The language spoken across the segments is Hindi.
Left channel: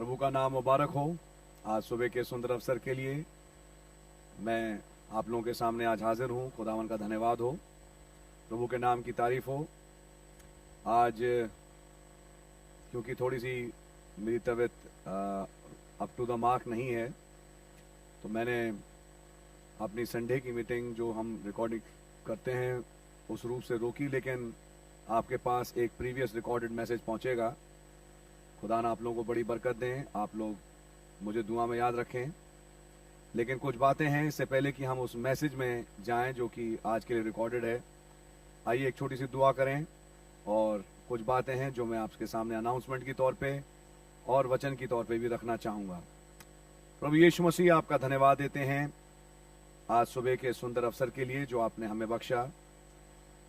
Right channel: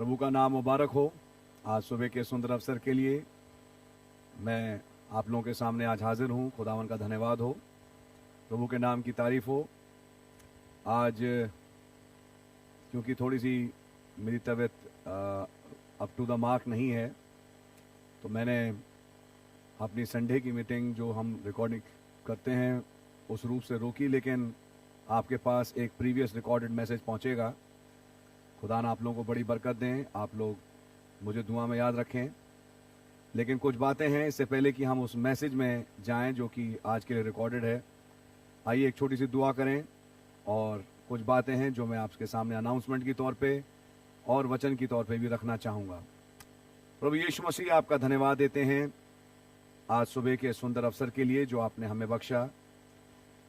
प्रभु का नाम मुबारक हो। आज सुबह के सुंदर अवसर के लिए मैं आप लोगों के सामने आज हाजिर हूँ। खुदावन का धन्यवाद हो, प्रभु के नाम की तारीफ हो। आज क्योंकि थोड़ी सी मेरी तबीयत अप टू द मार्क नहीं है, तो मैंने अपनी संडे की मीटिंग जो हम रिकॉर्डिंग करते हैं उस रूप से रोकी, लेकिन आपके पास एक प्रीवियस रिकॉर्डेड मैसेज पहुंचेगा। खुदा ना आप लोगों को बड़ी बरकत दें, आप लोग मुझे दुआ में याद रखें। लेकिन कुछ बातें हैं इससे पहले कि हम उस मैसेज में जाएं जो कि आज के लिए रिकॉर्डेड है। आइए एक छोटी सी दुआ करें, और कुछ बातें हैं जो मैं आपके सामने अनाउंसमेंट की तौर पे और वचन की तौर पे भी रखना चाहूँगा। प्रभु यीशु मसीह, आपका धन्यवाद देते हैं आज सुबह के सुंदर अवसर के लिए जो आपने हमें बख्शा,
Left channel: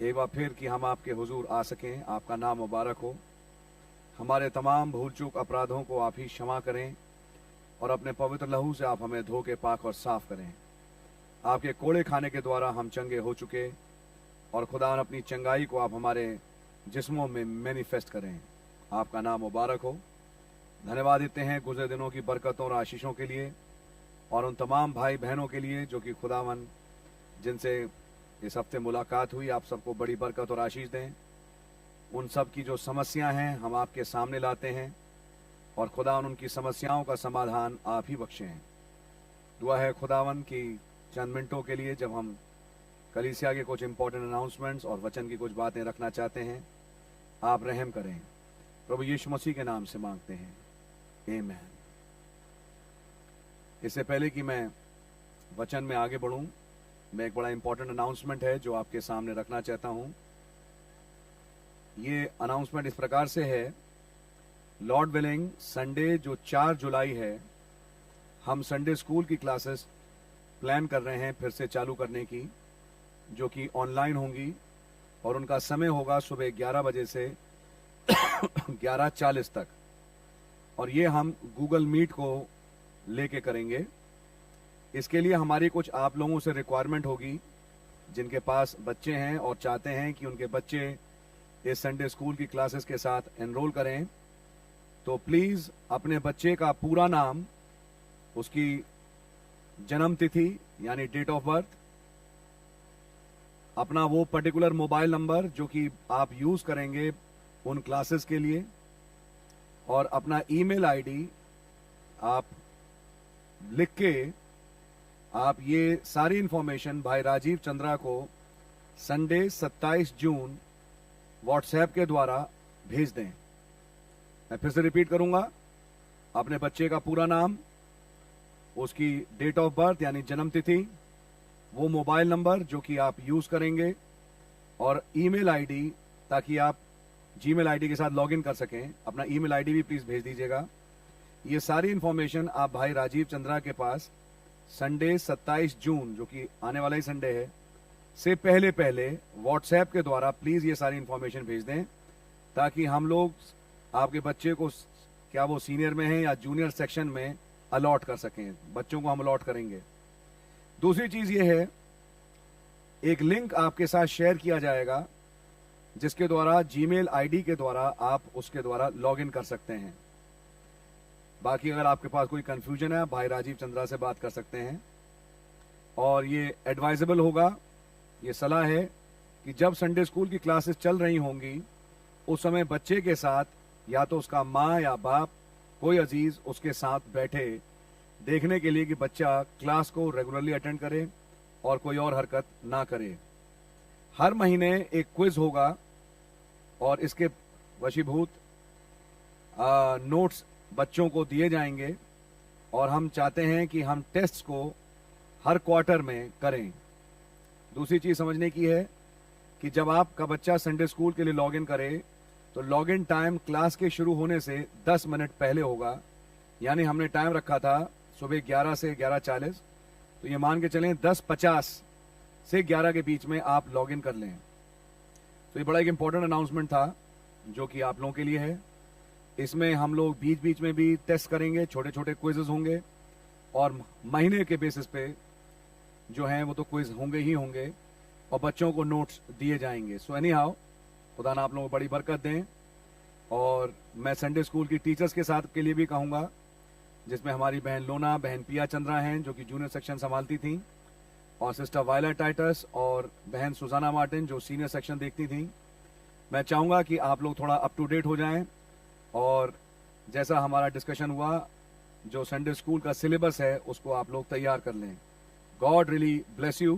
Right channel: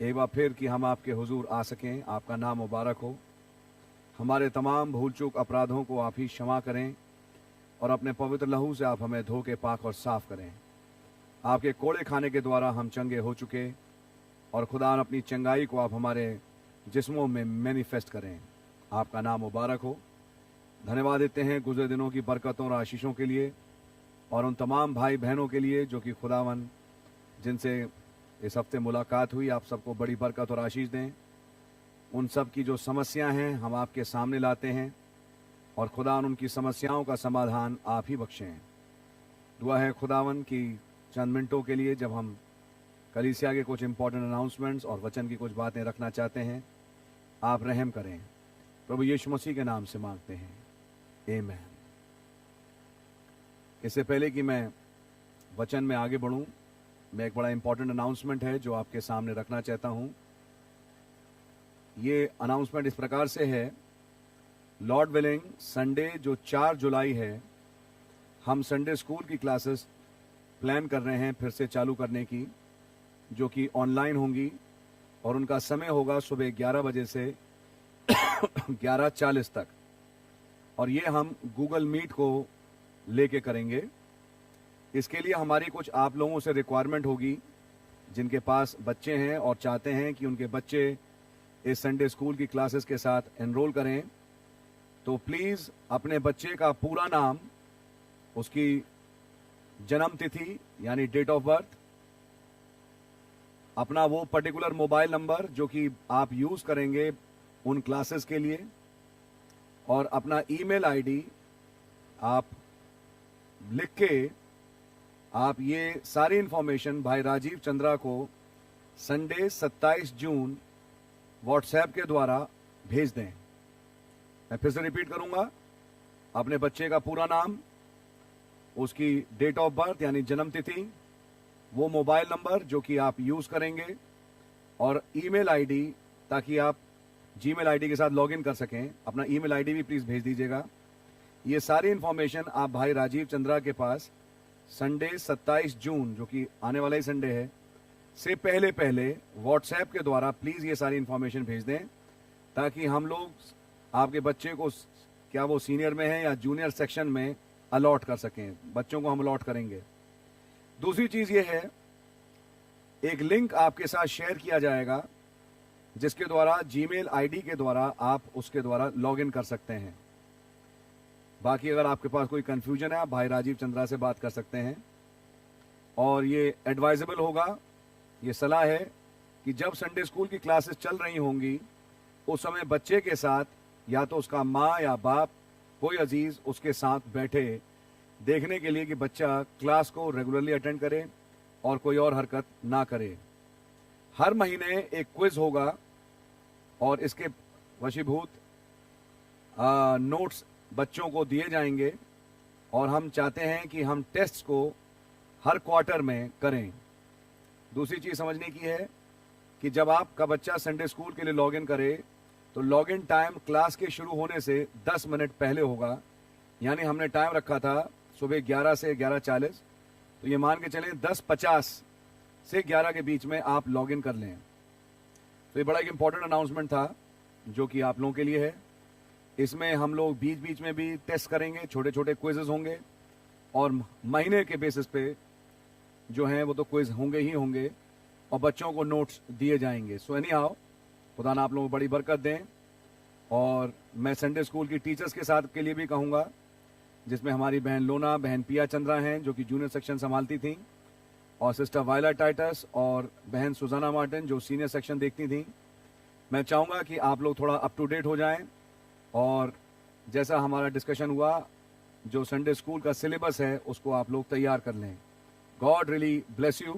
एक बार फिर कि हम आपके हुजूर आ सकें। आपका नाम मुबारक हो। हमारे तमाम भूल चूक अपराधों को आप ही क्षमा करें और अपने पवित्र लहू से आप हमें धो के पाक और साफ करें। आपके कोड़े खाने के द्वारा हम चंगे हो चुके, और खुदा अपनी चंगाई को आप हमारे जिस्मों में मैनिफेस्ट करें। आपका नाम मुबारक हो। धन्यवाद देते हैं गुजरे दिनों की बरकतों और आशीषों के लिए, और उन तमाम भाई बहनों के लिए जो कि खुदावन जिनसे इस हफ्ते मुलाकात हुई। आप सबको बड़ी बरकत और आशीष दें। उन सब की जो समस्याएं हैं हम आपके सामने लाते हैं, और खुदावन उनकी समस्याओं का समाधान आप ही बख्शें। दुआ है खुदावन की चंद मिनटों के लिए जब हम कलीसिया के कुछ इंपॉर्टेंट अनाउंसमेंट्स और वचन की कुछ बातें रखना चाहते हैं, आप रहम करें। प्रभु यीशु मसीह के नाम से मांगते हैं, आमीन। इससे पहले कि मैं वचन में आगे बढ़ूं, मैं एक बड़ा इंपॉर्टेंट अनाउंसमेंट है जो आपके सामने रखना चाहता हूं। ये अनाउंसमेंट इस प्रकार से है, लॉर्ड विलिंग संडे जो 4 जुलाई है, हम संडे स्कूल की क्लासेस प्लान कर रहे हैं फिर से चालू करने की, जो कि ऑनलाइन होंगी, और उनका समय होगा सुबह 11 बजे से 11:40 तक, और ये हम गूगल मीट को लेके करेंगे। इसके लिए हमारी कुछ आप लोगों से रिक्वायरमेंट होगी जिनके पास बच्चे हैं और चाहते हैं कि उनके बच्चे इस संडे स्कूल की क्लासेस के साथ एनरोल करें। तो प्लीज़ अपने बच्चे का पूरा नाम, उसकी जन्म तिथि यानी डेट ऑफ बर्थ, अपना वो पर्टिकुलर मोबाइल नंबर जो कि आप यूज़ करेंगे उन क्लासेस के लिए, और अपना ईमेल आईडी आप लिख के आप ये सारी इंफॉर्मेशन भाई राजीव चंद्रा को संडे 27 जून व्हाट्सएप के द्वारा भेज दें। मैं फिर से रिपीट करूंगा, अपने बच्चे का पूरा नाम, उसकी डेट ऑफ बर्थ यानी जन्म तिथि, वो मोबाइल नंबर जो कि आप यूज़ करेंगे, और ईमेल आईडी, ताकि आप जीमेल आईडी के साथ लॉगिन कर सकें। अपना ईमेल आईडी भी प्लीज़ भेज दीजिएगा। ये सारी इन्फॉर्मेशन आप भाई राजीव चंद्रा के पास संडे 27 जून जो कि आने वाला ही संडे है से पहले व्हाट्सएप के द्वारा प्लीज़ ये सारी इन्फॉर्मेशन भेज दें, ताकि हम लोग आपके बच्चे को, क्या वो सीनियर में है या जूनियर सेक्शन में, अलॉट कर सकें। बच्चों को हम अलॉट करेंगे। दूसरी चीज़ ये है, एक लिंक आपके साथ शेयर किया जाएगा जिसके द्वारा जीमेल आईडी के द्वारा आप उसके द्वारा लॉगिन कर सकते हैं। बाकी अगर आपके पास कोई कन्फ्यूजन है, आप भाई राजीव चंद्रा से बात कर सकते हैं। और ये एडवाइजेबल होगा, ये सलाह है कि जब संडे स्कूल की क्लासेस चल रही होंगी उस समय बच्चे के साथ या तो उसका माँ या बाप, कोई अजीज़ उसके साथ बैठे, देखने के लिए कि बच्चा क्लास को रेगुलरली अटेंड करे और कोई और हरकत ना करे। हर महीने एक क्विज होगा और इसके वशीभूत नोट्स बच्चों को दिए जाएंगे, और हम चाहते हैं कि हम टेस्ट्स को हर क्वार्टर में करें। दूसरी चीज़ समझने की है कि जब आपका बच्चा संडे स्कूल के लिए लॉगिन करे तो लॉगिन टाइम क्लास के शुरू होने से 10 मिनट पहले होगा। यानी हमने टाइम रखा था सुबह 11 से 11:40, तो ये मान के चलें 10:50 से 11 के बीच में आप लॉगिन कर लें। तो ये बड़ा एक इम्पॉर्टेंट अनाउंसमेंट था जो कि आप लोगों के लिए है। इसमें हम लोग बीच बीच में भी टेस्ट करेंगे, छोटे छोटे क्विज़ेस होंगे, और महीने के बेसिस पे जो हैं वो तो क्विज़ होंगे ही होंगे, और बच्चों को नोट्स दिए जाएंगे। सो एनी हाउ, खुदा ना आप लोगों को बड़ी बरकत दें। और मैं संडे स्कूल की टीचर्स के साथ के लिए भी कहूँगा जिसमें हमारी बहन लोना, बहन पिया चंद्रा हैं जो कि जूनियर सेक्शन संभालती थी, और सिस्टर वायला टाइटस और बहन सुजाना मार्टिन जो सीनियर सेक्शन देखती थी। मैं चाहूँगा कि आप लोग थोड़ा अप टू डेट हो जाएं, और जैसा हमारा डिस्कशन हुआ, जो संडे स्कूल का सिलेबस है उसको आप लोग तैयार कर लें। God really bless you.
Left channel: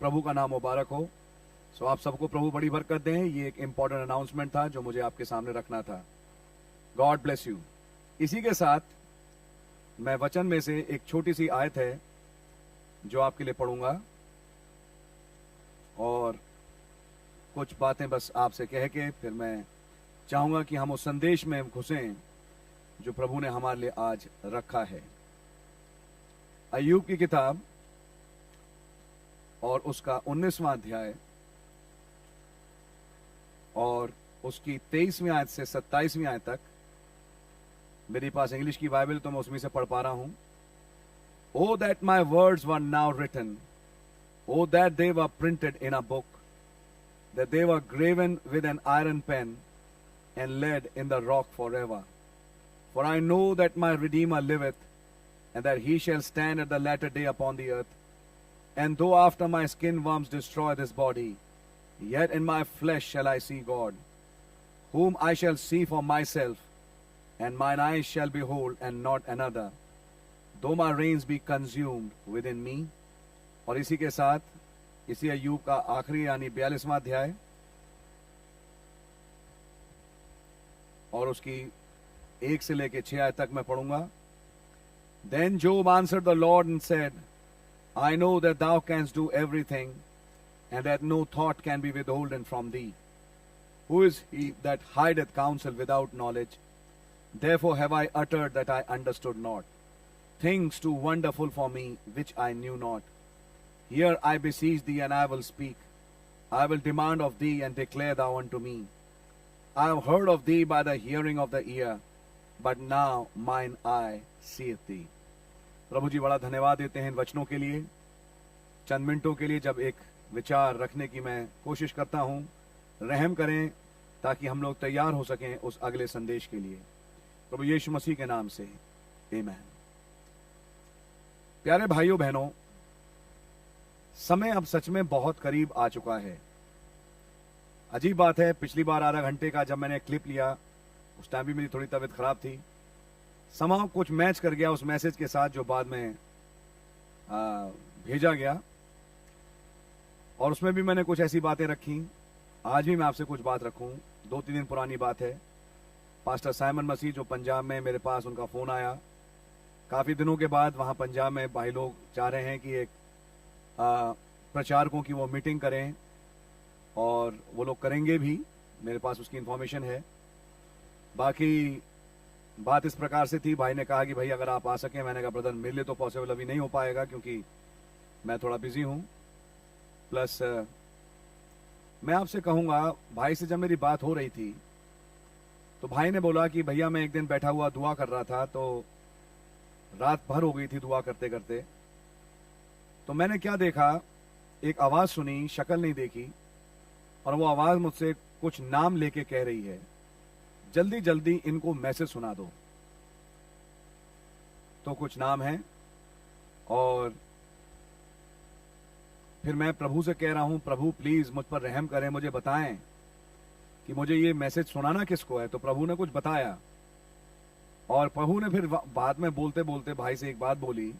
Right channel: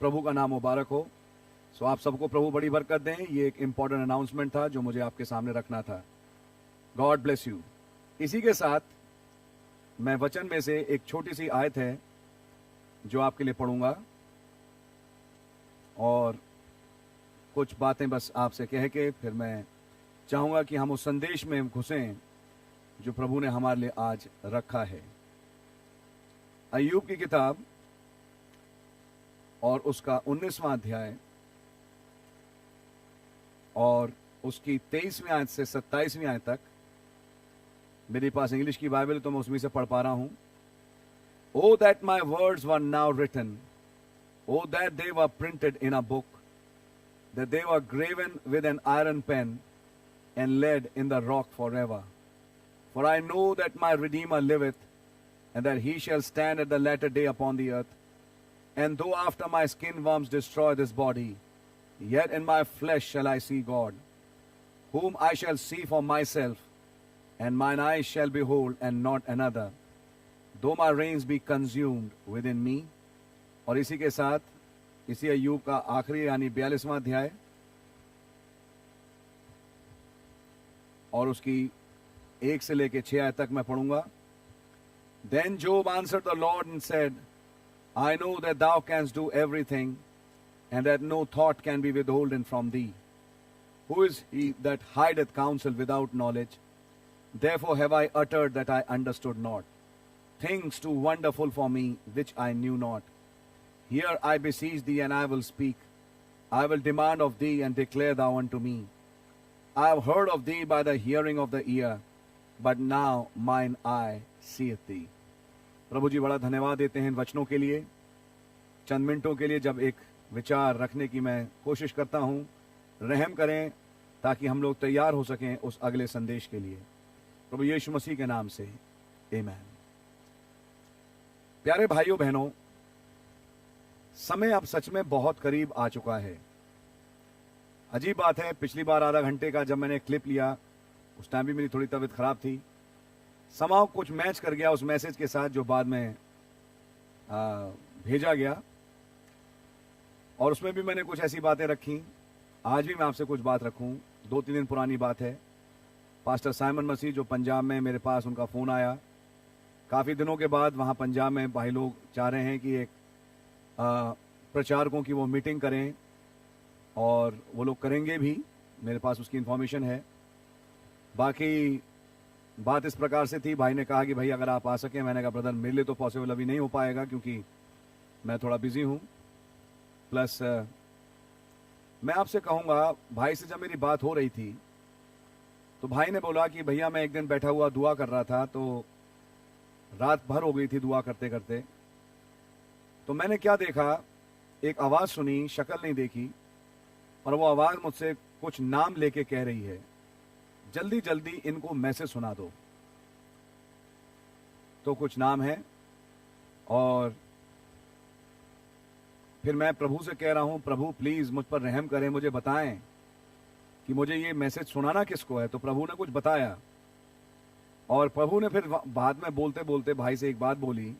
प्रभु का नाम मुबारक हो। सो आप सबको प्रभु बड़ी बरकत दें। ये एक इम्पॉर्टेंट अनाउंसमेंट था जो मुझे आपके सामने रखना था। God bless you. इसी के साथ मैं वचन में से एक छोटी सी आयत है जो आपके लिए पढ़ूंगा, और कुछ बातें बस आपसे कह के फिर मैं चाहूंगा कि हम उस संदेश में घुसें जो प्रभु ने हमारे लिए आज रखा है। अय्यूब की किताब और उसका 19वां अध्याय और उसकी 23वीं आयत से 27वीं आयत तक। मेरे पास इंग्लिश की बाइबल तो मैं उसमें से पढ़ पा रहा हूं। O that my words were now written, O that they were printed in a book, that they were graven with an iron pen and laid in the rock forever. For I know that my Redeemer liveth, and that he shall stand at the latter day upon the earth. And though after my skin worms destroy this body, yet in my flesh shall I see God, whom I shall see for myself, and mine eyes shall behold, and not another, though my reins be consumed within me. और इसी के साथ इसी अय्यूब का आखिरी यानी 42वां अध्याय और उसकी 1 से लेके 6 आयत तक मैं पढ़ूंगा। Then Job answered the Lord and said, I know that thou canst do everything, and that no thought can be withholden from thee. Who is he that hideth counsel without knowledge? Therefore have I uttered that I understood not, things too wonderful for me which I knew not. Here I beseech thee, and I will speak. I will demand of thee, and declare thou unto me. I have heard of thee by the hearing of the ear, but now mine eye seeth thee. प्रभु जी बड़ा धन्यवाद देते हैं इन वचनों के लिए। चंद मिनटों के लिए जब एक विचार रखने की मैं कोशिश करता हूं, रहम करें ताकि हम लोग तैयार हो सकें उस अगले संदेश के लिए। प्रभु यीशु मसीह के नाम से आमीन। प्यारे भाइयों बहनों, समय अब सच में बहुत करीब आ चुका है। अजीब बात है, पिछली बार आधा घंटे का जब मैंने क्लिप लिया उस टाइम भी मेरी थोड़ी तबीयत खराब थी। समाव कुछ मैच कर गया उस मैसेज के साथ जो बाद में भेजा गया, और उसमें भी मैंने कुछ ऐसी बातें रखी। आज भी मैं आपसे कुछ बात रखूं। 2-3 दिन पुरानी बात है। पास्टर साइमन मसीह जो पंजाब में, मेरे पास उनका फ़ोन आया काफ़ी दिनों के बाद। वहाँ पंजाब में भाई लोग चाह रहे हैं कि एक प्रचारकों की वो मीटिंग करें, और वो लोग करेंगे भी। मेरे पास उसकी इन्फॉर्मेशन है। बाकी बात इस प्रकार से थी, भाई ने कहा कि भाई अगर आप आ सकें। मैंने कहा ब्रदर मेरे लिए तो पॉसिबल अभी नहीं हो पाएगा क्योंकि मैं थोड़ा बिजी हूँ। प्लस मैं आपसे कहूँगा, भाई से जब मेरी बात हो रही थी तो भाई ने बोला कि भैया मैं एक दिन बैठा हुआ दुआ कर रहा था, तो रात भर हो गई थी दुआ करते करते। तो मैंने क्या देखा, एक आवाज़ सुनी, शक्ल नहीं देखी, और वो आवाज़ मुझसे कुछ नाम लेके कह रही है, जल्दी जल्दी इनको मैसेज सुना दो। तो कुछ नाम है, और फिर मैं प्रभु से कह रहा हूं, प्रभु प्लीज़ मुझ पर रहम करें, मुझे बताएं कि मुझे ये मैसेज सुनाना किसको है। तो प्रभु ने कुछ बताया, और प्रभु ने फिर बाद में बोलते बोलते भाई से एक बात बोली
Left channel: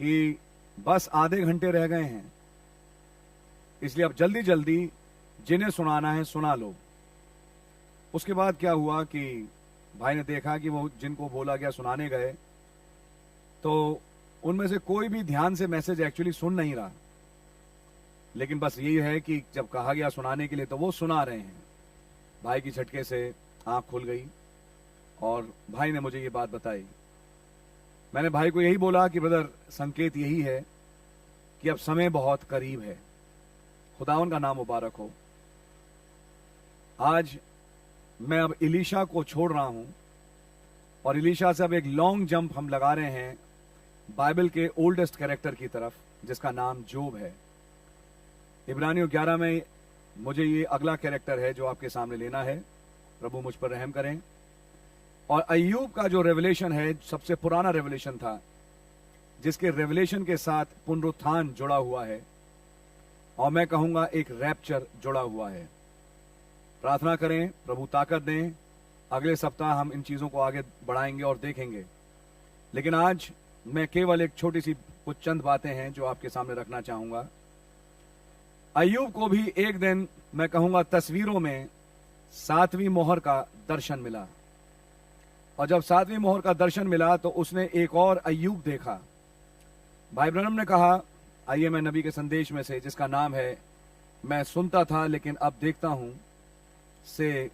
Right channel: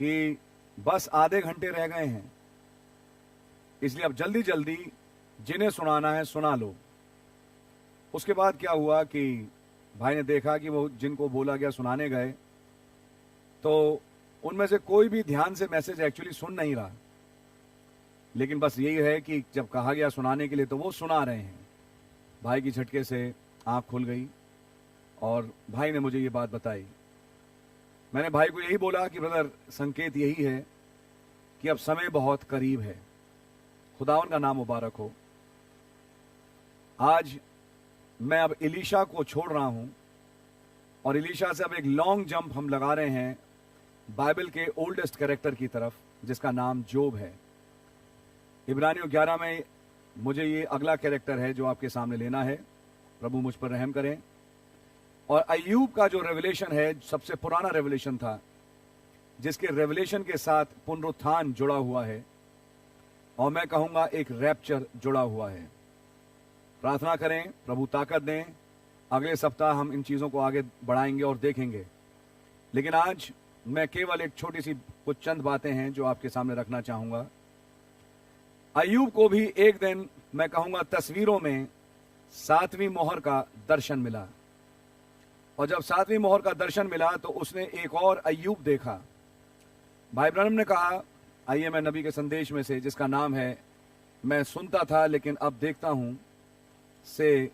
कि बस आधे घंटे रह गए हैं, इसलिए अब जल्दी जल्दी जिन्हें सुनाना है सुना लो। उसके बाद क्या हुआ कि भाई ने देखा कि वो जिनको बोला गया सुनाने गए, तो उनमें से कोई भी ध्यान से मैसेज एक्चुअली सुन नहीं रहा, लेकिन बस यही है कि जब कहा गया सुनाने के लिए तो वो सुना रहे हैं। भाई की झटके से आंख खुल गई और भाई ने मुझे ये बात बताई। मैंने भाई को यही बोला कि ब्रदर संकेत यही है कि अब समय बहुत करीब है। खुदावन का नाम मुबारक हो। आज मैं अब इलीशा को छोड़ रहा हूं, और इलीशा से अब एक लॉन्ग जंप हम लगा रहे हैं बाइबल के ओल्डेस्ट कैरेक्टर की तरफ, जिसका नाम जोब है। इब्रानियों 11 में मुझे ये अगला कैरेक्टर है जो आपके सामने लेना है। प्रभु मुझ पर रहम करें। और अय्यूब का जो रेवलेशन है सबसे पुराना रेवलेशन था, जिसके रेवलेशन के साथ पुनरुत्थान जुड़ा हुआ है, और मैं कहूंगा एक रैप्चर जुड़ा हुआ है। प्रार्थना करें, प्रभु ताकत दें। अगले सप्ताह हम इन चीज़ों को आगे बढ़ाएंगे और देखेंगे, लेकिन आज मैं केवल एक छोटी सी कुछ चंद बातें हैं जो आपके सामने रखना चाहूंगा। अय्यूब को भी एक दिन मैं कहूंगा तस्वीरों में 7वीं मोहर का दर्शन मिला, और जब 7वीं मोहर का दर्शन मिला तो उसने एक और अय्यूब देखा। भाई ब्रनम ने कहा, आइए मैं नबी के संदेश में से, जिसका नाम है मैं सुनता था लेकिन अब देखता हूं, से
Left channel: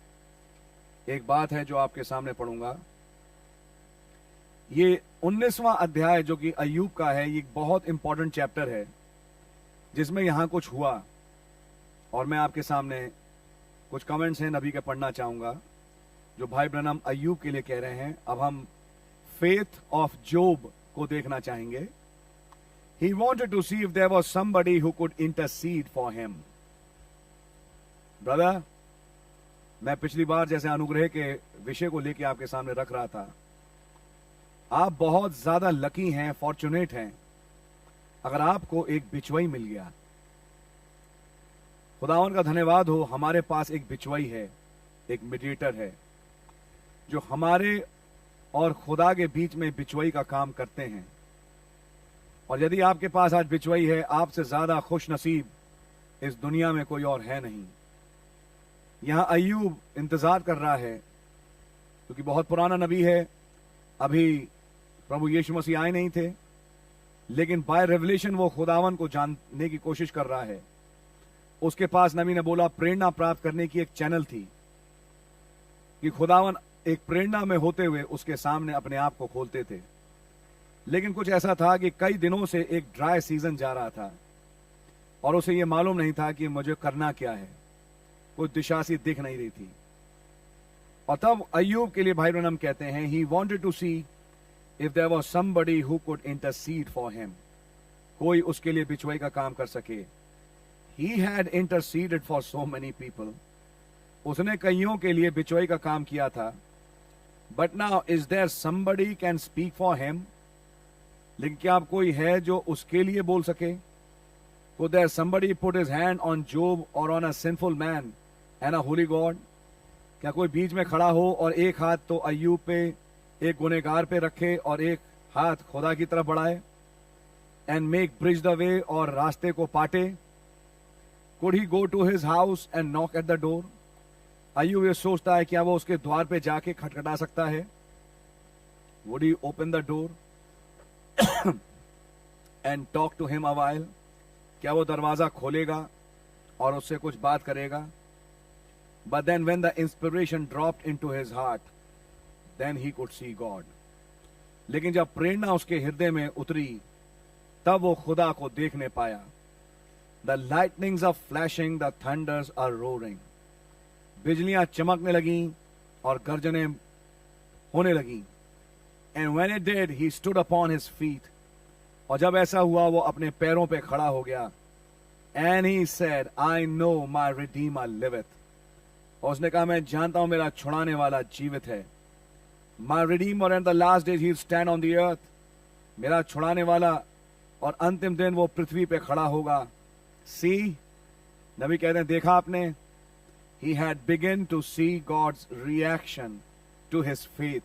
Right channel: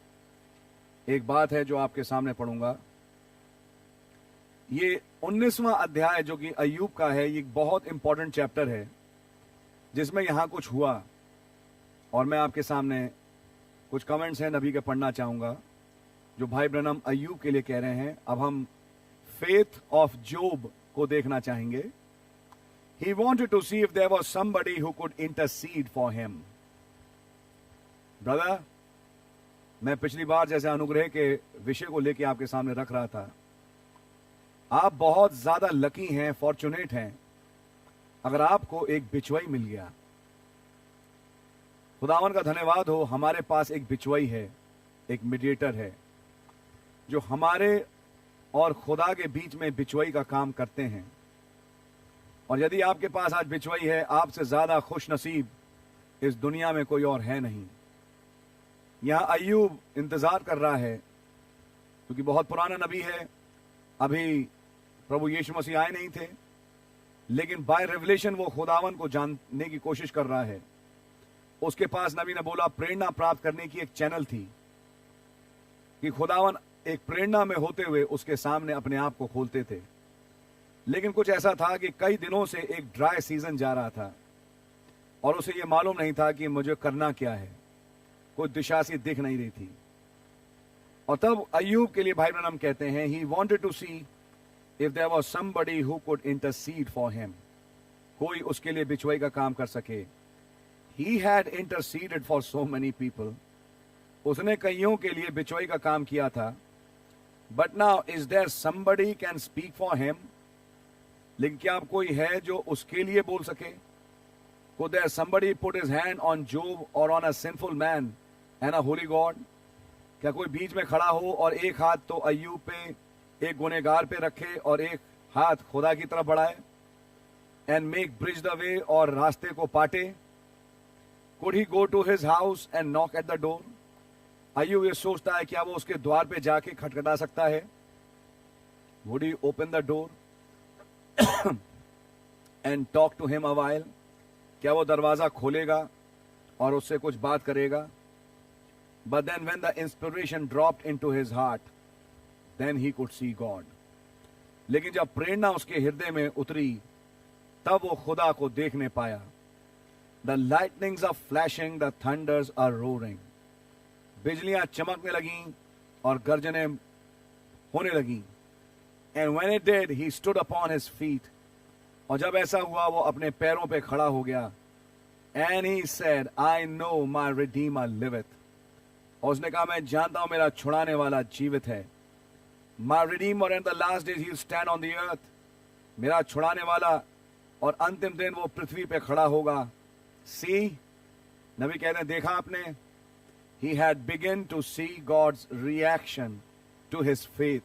एक बात है जो आपके सामने पढ़ूंगा। ये 19वां अध्याय जो कि अय्यूब का है, ये बहुत इंपॉर्टेंट चैप्टर है जिसमें यहां कुछ हुआ, और मैं आपके सामने कुछ कमेंट्स हैं नबी के पढ़ना चाहूंगा जो भाई ब्रनम अय्यूब के लिए कह रहे हैं। अब हम फेथ ऑफ जोब को देखना चाहेंगे। He wanted to see if there was somebody who could intercede for him. Brother, मैं पिछली बार जैसे अनुग्रह के विषय को लेकर आपके सामने रख रहा था, आप बहुत ज्यादा लकी हैं, फॉर्चुनेट हैं अगर आपको एक बिचवई मिल गया। खुदावन का धन्यवाद हो, हमारे पास एक बिचवई है, एक मीडिएटर है जो हमारे और खुदा के बीच में बिचवई का काम करते हैं। और यदि आपके पास आज बिचवई है, आपसे ज्यादा खुश नसीब इस दुनिया में कोई और है नहीं। यहां अय्यूब इंतजार कर रहा है क्योंकि बहुत पुराना नबी है, अभी प्रभु यीशु मसीह आए नहीं थे, लेकिन बाय रेवलेशन वो खुदावन को जानने की कोशिश कर रहा है। उसके पास, नबी ने बोला, प्रेरणा प्राप्त करने की एक चैनल थी कि खुदावन एक प्रेरणा में होते हुए उसके सामने अपने आप को खोलते थे। लेकिन कुछ ऐसा था कि कई दिनों से एक ड्राई सीजन जा रहा था और उसे यह मालूम नहीं था कि मुझे करना क्या है, कोई दिशा सी दिख नहीं रही थी। और तब अय्यूब के लिए भाई ब्रनम कहते हैं, he wanted to see if there was somebody who could intercede for him, कोई उसके लिए बिचवई का काम कर सके। He had interceded for so many people, उसने कईयों के लिए बिचवई का काम किया था। But now is there somebody can speak for him, लेकिन क्या अब कोई है जो उसके लिए बोल सके? Could there somebody put his hand on Job or on a sinful man and a holy God? क्या कोई बीच में खड़ा हो और एक हाथ तो अय्यूब पे, एक गुनहगार पे रखे और एक हाथ खुदा की तरफ बढ़ाए? And make bridge the way, और रास्ते को पाटे? Could he go to his house and knock at the door? अय्यूब ये सोचता है, क्या वो उसके द्वार पे जाके खटखटा सकता है? Would he open the door and talk to him a while? क्या वो दरवाजा खोलेगा और उससे कुछ बात करेगा? But then when the inspiration dropped into his heart, then he could see God. लेकिन जब प्रेरणा उसके हृदय में उतरी, तब वो खुदा को देखने पाया। The lightnings are flashing, the thunders are roaring. बिजलियां चमकने लगीं और गर्जनें होने लगीं। And when it did, he stood upon his feet. और जब ऐसा हुआ, वो अपने पैरों पे खड़ा हो गया। And he said, I know my Redeemer liveth. और उसने कहा, मैं जानता हूं मेरा छुड़ाने वाला जीवित है। My Redeemer, and the last days he'll stand on the earth. मेरा छुड़ाने वाला, और अंतिम दिन वो पृथ्वी पे खड़ा होगा। See, नबी कहते हैं, देखा आपने? He had begun to see God's reaction to his faith.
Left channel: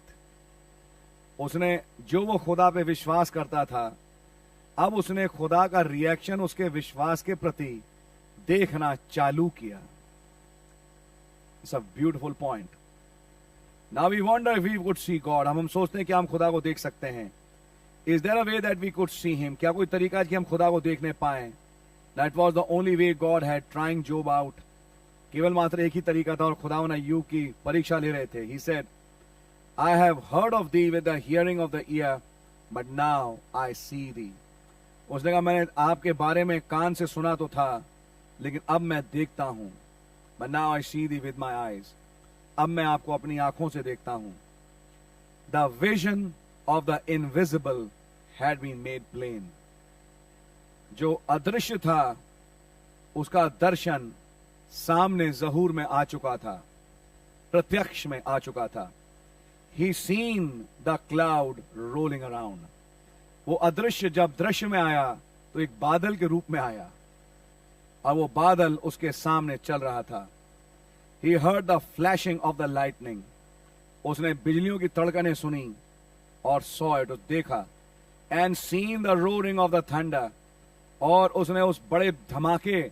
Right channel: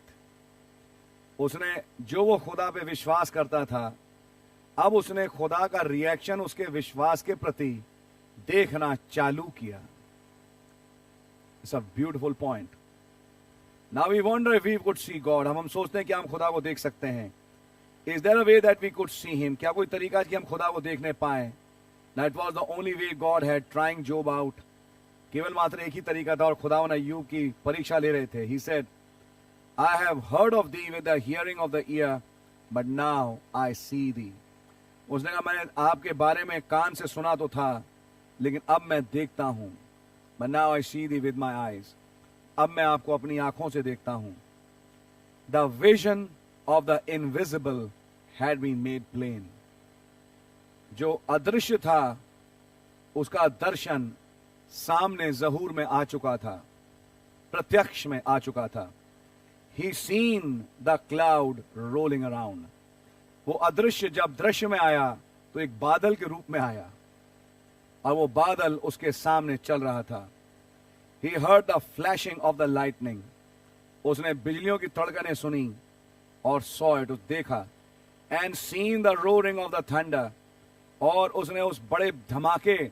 उसने, जो वो खुदा पे विश्वास करता था, अब उसने खुदा का रिएक्शन उसके विश्वास के प्रति देखना चालू किया। It's a beautiful point. Now we wonder if we could see God. हम सोचते हैं कि हम खुदा को देख सकते हैं। Is there a way that we could see him? क्या कोई तरीका है कि हम खुदा को देखने पाए? That was the only way God had trying job out. केवल मात्र एक ही तरीका था और खुदा ने अय्यूब की परीक्षा ले रहे थे। He said, I have heard of thee with the hearing of the ear, but now I see thee. उसने कहा, मैंने आपके बारे में कान से सुना तो था, लेकिन अब मैं देखता हूं। But now I see thee with my eyes. अब मैं आपको अपनी आंखों से देखता हूं। The vision of the invisible had been made plain. जो अदृश्य था, उसका दर्शन सामने ज़हूर में आ चुका था, प्रत्यक्ष में आ चुका था। He seen the cloud rolling around. वो अदृश्य जब दृश्य में आया तो एक बादल के रूप में आया और वो बादल उसके सामने चल रहा था। He heard the flashing of the lightning. उसने बिजलियों की तड़कने सुनी और सॉ इट, देखा। And seen the roaring of the thunder, और उसने उस बड़े धमाके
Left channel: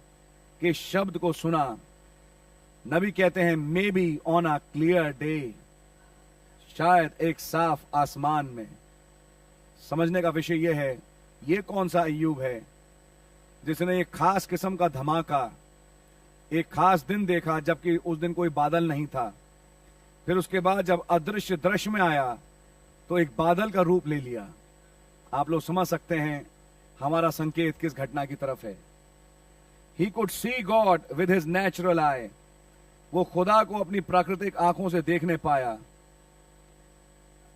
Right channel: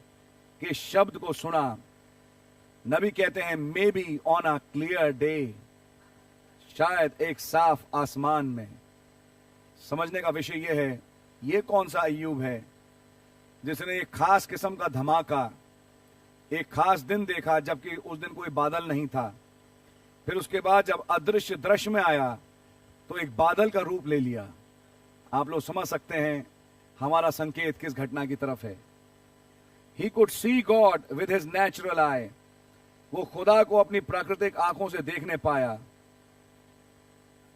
के शब्द को सुना। नबी कहते हैं may be on a clear day, शायद एक साफ आसमान में। समझने का विषय यह है, ये कौन सा अय्यूब है जिसने एक खास किस्म का धमाका, एक खास दिन देखा जबकि उस दिन कोई बादल नहीं था। फिर उसके बाद जब अदृश्य दृश्य में आया तो एक बादल का रूप ले लिया। आप लोग समझ सकते हैं हमारा संकेत किस घटना की तरफ है। He could see God with his natural eye. वो खुदा को अपनी प्राकृतिक आंखों से देखने पाया।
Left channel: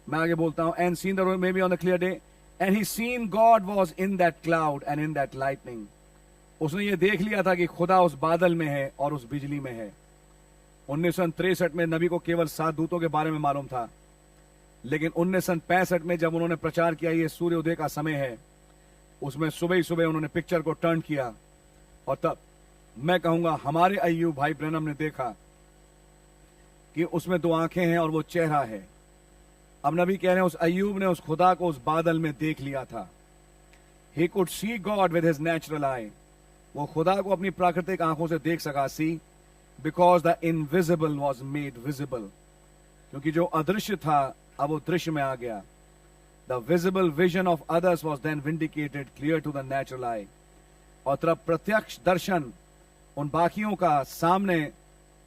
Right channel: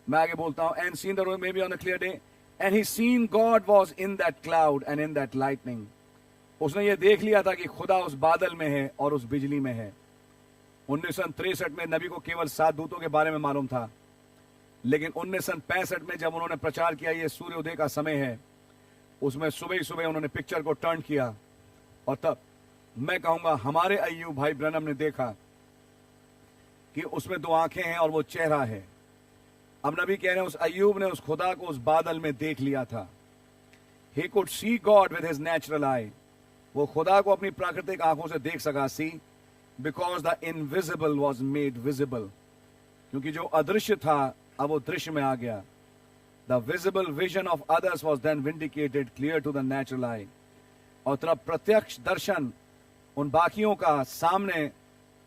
मैं आगे बोलता हूं, and seen the maybe on the clear day and he seen God was in that cloud and in that lightning. उसने ये देख लिया था कि खुदा उस बादल में है और उस बिजली में है। 1963 में नबी को केवल 7 दूतों के बारे में मालूम था, लेकिन 1965 में जब उन्होंने प्रचार किया ये सूर्योदय का समय है, उसमें सुबह ही सुबह उन्होंने पिक्चर को टर्न किया। और तब मैं कहूंगा हमारे अय्यूब भाई ब्रैनम ने देखा कि उसमें 2 आंखें हैं और वो चेहरा है। अब नबी कह रहे हैं उस अय्यूब ने उस खुदा को उस बादल में देख लिया था। He could see God with his natural eye. वो खुदा को अपनी प्राकृतिक आंखों से देख सका। See because the invisible was made visible. क्योंकि जो अदृश्य था अब वो दृश्य में आ गया। The visible vision of others was then vindicated clear to the natural eye. और तब प्रत्यक्ष दर्शन उन बाकियों का सामने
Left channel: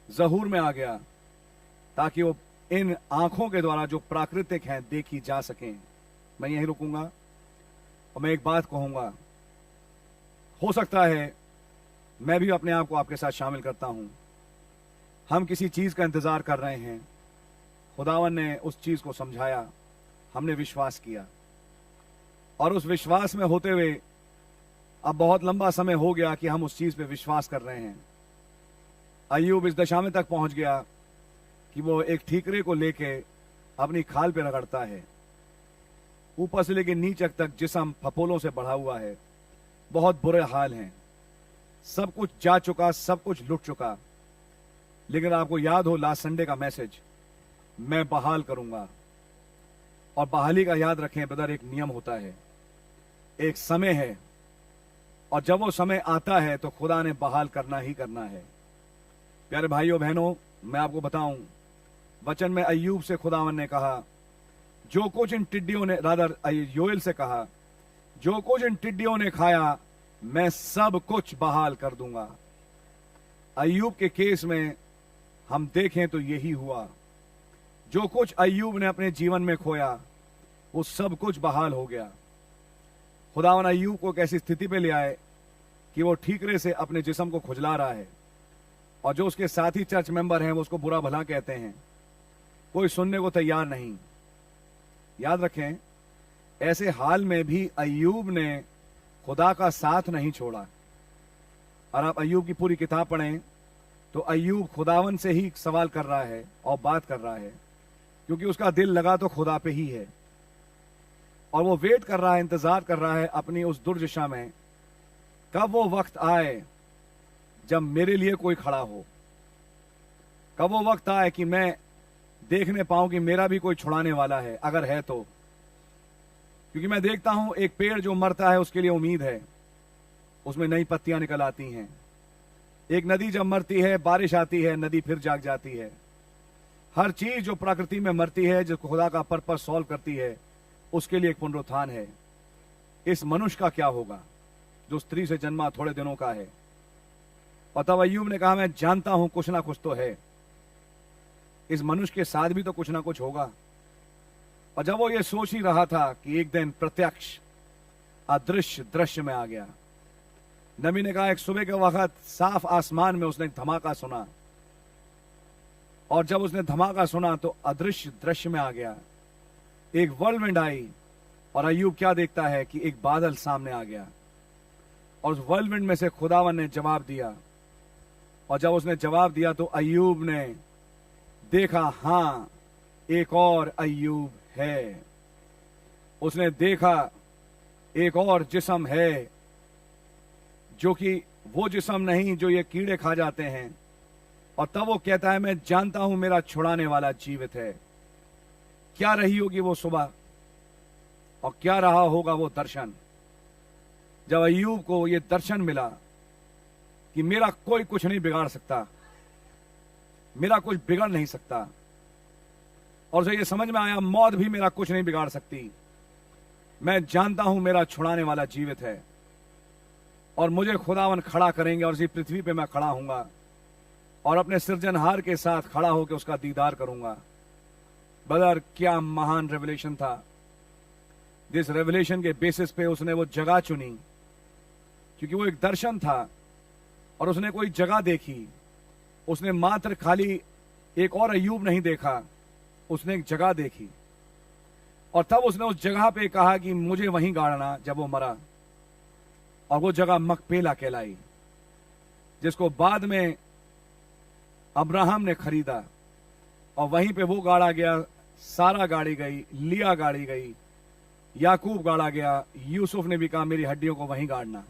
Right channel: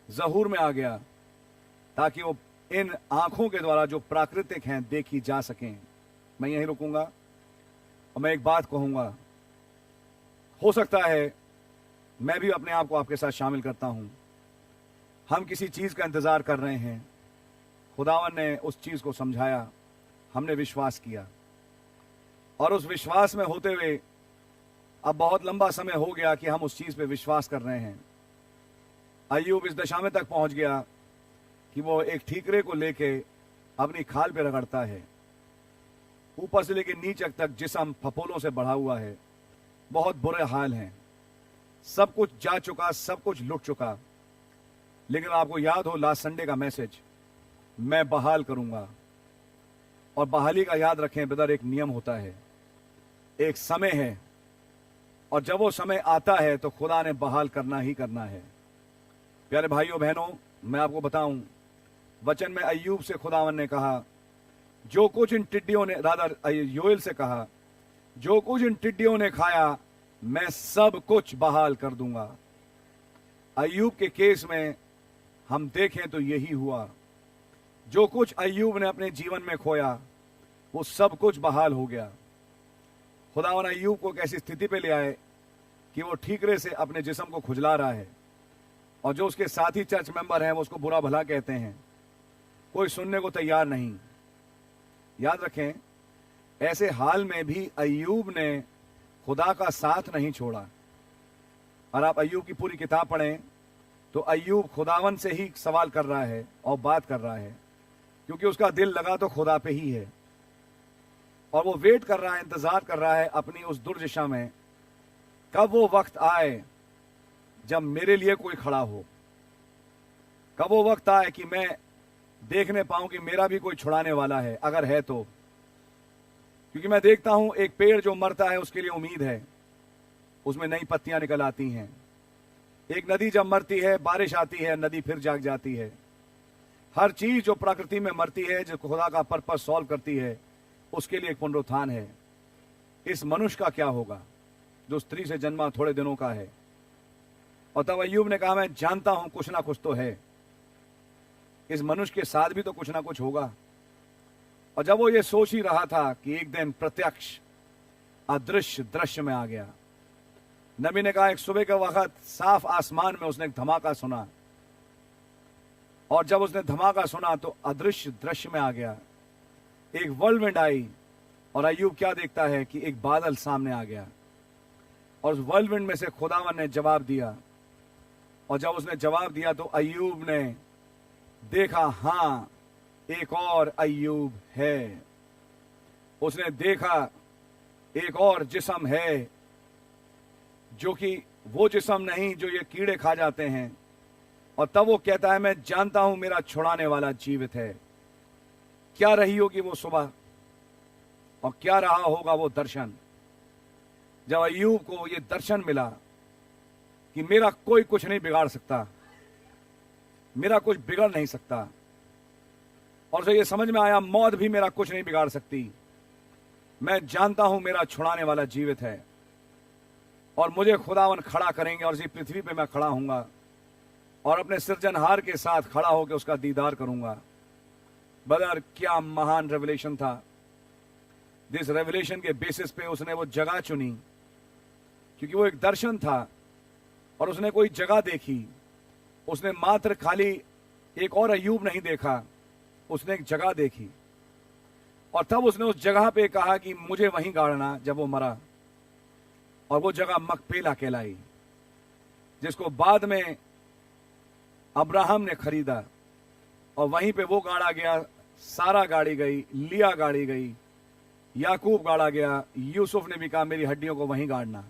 जहूर में आ गया, ताकि वो इन आंखों के द्वारा जो प्राकृतिक हैं देखी जा सकें। मैं यहीं रुकूंगा और मैं एक बात कहूंगा, हो सकता है मैं भी अपने आप को आपके साथ शामिल करता हूं। हम किसी चीज का इंतजार कर रहे हैं, खुदावन ने उस चीज को समझाया, हमने विश्वास किया और उस विश्वास में होते हुए अब बहुत लंबा समय हो गया कि हम उस चीज पे विश्वास कर रहे हैं। अय्यूब इस दशा में तक पहुंच गया कि वो एक ठीकरे को लेके अपनी खाल पे रगड़ता है। ऊपर से लेके नीचे तक जिस्म फपोलों से बढ़ा हुआ है। बहुत बुरे हाल हैं, सब कुछ जा चुका, सब कुछ लुट चुका। लेकिन आपको याद हो लास्ट संडे का मैसेज, मैं बहाल करूंगा। और बहाली का याद रखें ब्रदर, एक नियम होता है, एक समय है, और जब वो समय आता है तो खुदा ने बहाल करना ही करना है। प्यारे भाइयों बहनों, मैं आपको बताऊं, वचन में अय्यूब से खुदावन ने कहा, जो कुछ इन टिड्डियों ने, रादर योएल से कहा, जो कुछ इन टिड्डियों ने खाया मैं सब कुछ बहाल कर दूंगा। अय्यूब के केस में हम देखें तो यही हुआ। जो कुछ अय्यूब ने अपने जीवन में खोया वो सब कुछ बहाल हो गया। खुदावन अय्यूब को एक ऐसी स्थिति पे ले आए कि वो ठीकरे से अपने जिस्म को खुजला रहा है, और जो उसके साथी चर्च मेंबर हैं वो उसको बुरा भला कहते हैं, कोई सुनने को तैयार नहीं। याद रखें, ऐसे हाल में भी अय्यूब ने खुदा का साथ नहीं छोड़ा। और आप अय्यूब की पूरी किताब पढ़ें तो अय्यूब खुदावन से ही सवाल कर रहा है और बात कर रहा है, क्योंकि उसका दिल लगा तो खुदा पे ही है। और वो वेट कर रहा है, इंतजार कर रहा है अपनी उस दुर्दशा में, कब वो वक्त आए जब मेरे लिए कोई खड़ा हो, कब वो वक्त आए कि मैं देखने पाऊं कि मेरा भी कोई छुड़ाने वाला है, अगर है तो। क्योंकि मैं देखता हूं एक पेड़ जो मरता है उसके लिए उम्मीद है, उसमें नई पत्तियां निकल आती हैं। एक नदी जब मरती है, बारिश आती है, नदी फिर जाग जाती है। हर चीज जो प्रकृति में मरती है, जो खुदा का पर्पस सॉल्व करती है, उसके लिए एक पुनरुत्थान है। इस मनुष्य का क्या होगा जो स्त्री से जन्मा थोड़े दिनों का है? और तब अय्यूब ने कहा, मैं जानता हूं कुछ ना कुछ तो है, इस मनुष्य के साथ भी तो कुछ ना कुछ होगा। और जब वो ये सोच ही रहा था कि एक दिन प्रत्यक्ष अदृश्य दृश्य में आ गया। नबी ने कहा, एक सुबह के वक्त साफ आसमान में उसने एक धमाका सुना, और जब उसने धमाका सुना तो अदृश्य दृश्य में आ गया। एक वर्लविंड आई, और अय्यूब क्या देखता है कि एक बादल सामने आ गया, और उस वर्लविंड में से खुदावन ने जवाब दिया। और जब उसने जवाब दिया तो अय्यूब ने देखा, हां एक और अय्यूब है। उसने देखा एक और जिस्म है, जो कि वो जिस्म नहीं जो ये कीड़े खा जाते हैं। और तब वो कहता है, मैं जानता हूं मेरा छुड़ाने वाला जीवित है। क्या रही होगी वो सुबह और क्या रहा होगा वो दर्शन, जब अय्यूब को ये दर्शन मिला कि मेरा कोई कुछ नहीं बिगाड़ सकता, मेरा कुछ बिगड़ नहीं सकता। और उसे ये समझ में आया, मौत भी मेरा कुछ नहीं बिगाड़ सकती। मैं जानता हूं मेरा छुड़ाने वाला जीवित है और मुझे खुदावन खड़ा करेंगे और इसी पृथ्वी पे मैं खड़ा हूंगा और अपने सृजनहार के साथ खड़ा होकर उसका दीदार करूंगा। ब्रदर, क्या महान रेवलेशन था। जिस रेवलेशन के बेसिस पे उसने वो जगह चुनी, क्योंकि वो एक दर्शन था और उसने कोई जगह देखी। उसने मात्र खाली एक और अय्यूब नहीं देखा, उसने एक जगह देखी और तब उसने उस जगह पे कहा कि मुझे वहीं गाड़ना। जब वो मरा, और वो जगह मकपेला कहलाई, जिसको बाद में अब्राहम ने खरीदा और वहीं पे वो गाड़ा गया। सारा गाड़ी गई, लिया गाड़ी गई, याकूब गाड़ा गया, यूसुफ ने भी कहा मेरी हड्डियों को वहीं गाड़ना।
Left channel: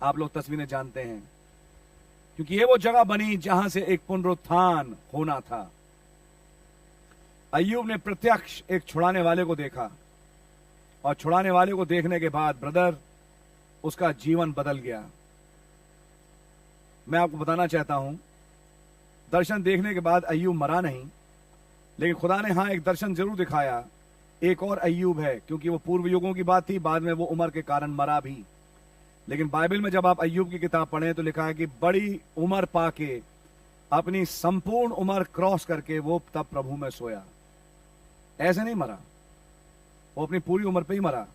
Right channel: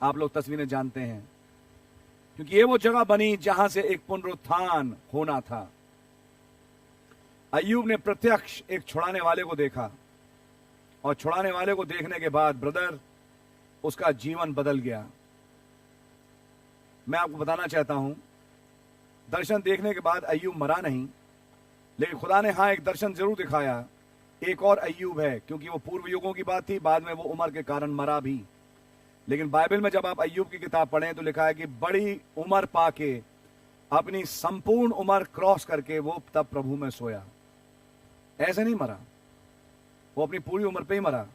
आप लोग तस्वीरें जानते हैं, क्योंकि ये वो जगह बनी जहां से एक पुनरुत्थान होना था। अय्यूब ने प्रत्यक्ष एक छुड़ाने वाले को देखा और छुड़ाने वाले को देखने के बाद ब्रदर, उसका जीवन बदल गया। मैं आपको बताना चाहता हूं, दर्शन देखने के बाद अय्यूब मरा नहीं, लेकिन खुदा ने एक दर्शन जरूर दिखाया। एक और अय्यूब है, क्योंकि वो पूर्व युगों की बात थी, बाद में वो उम्र के कारण मरा भी। लेकिन बाइबल में जब आप अय्यूब की किताब पढ़ें तो लिखा है कि बड़ी उम्र पाके, अपनी संपूर्ण उम्र क्रॉस करके वो तब प्रभु में सोया। ऐसे नहीं मरा, वो अपनी पूरी उम्र पे ही मरा।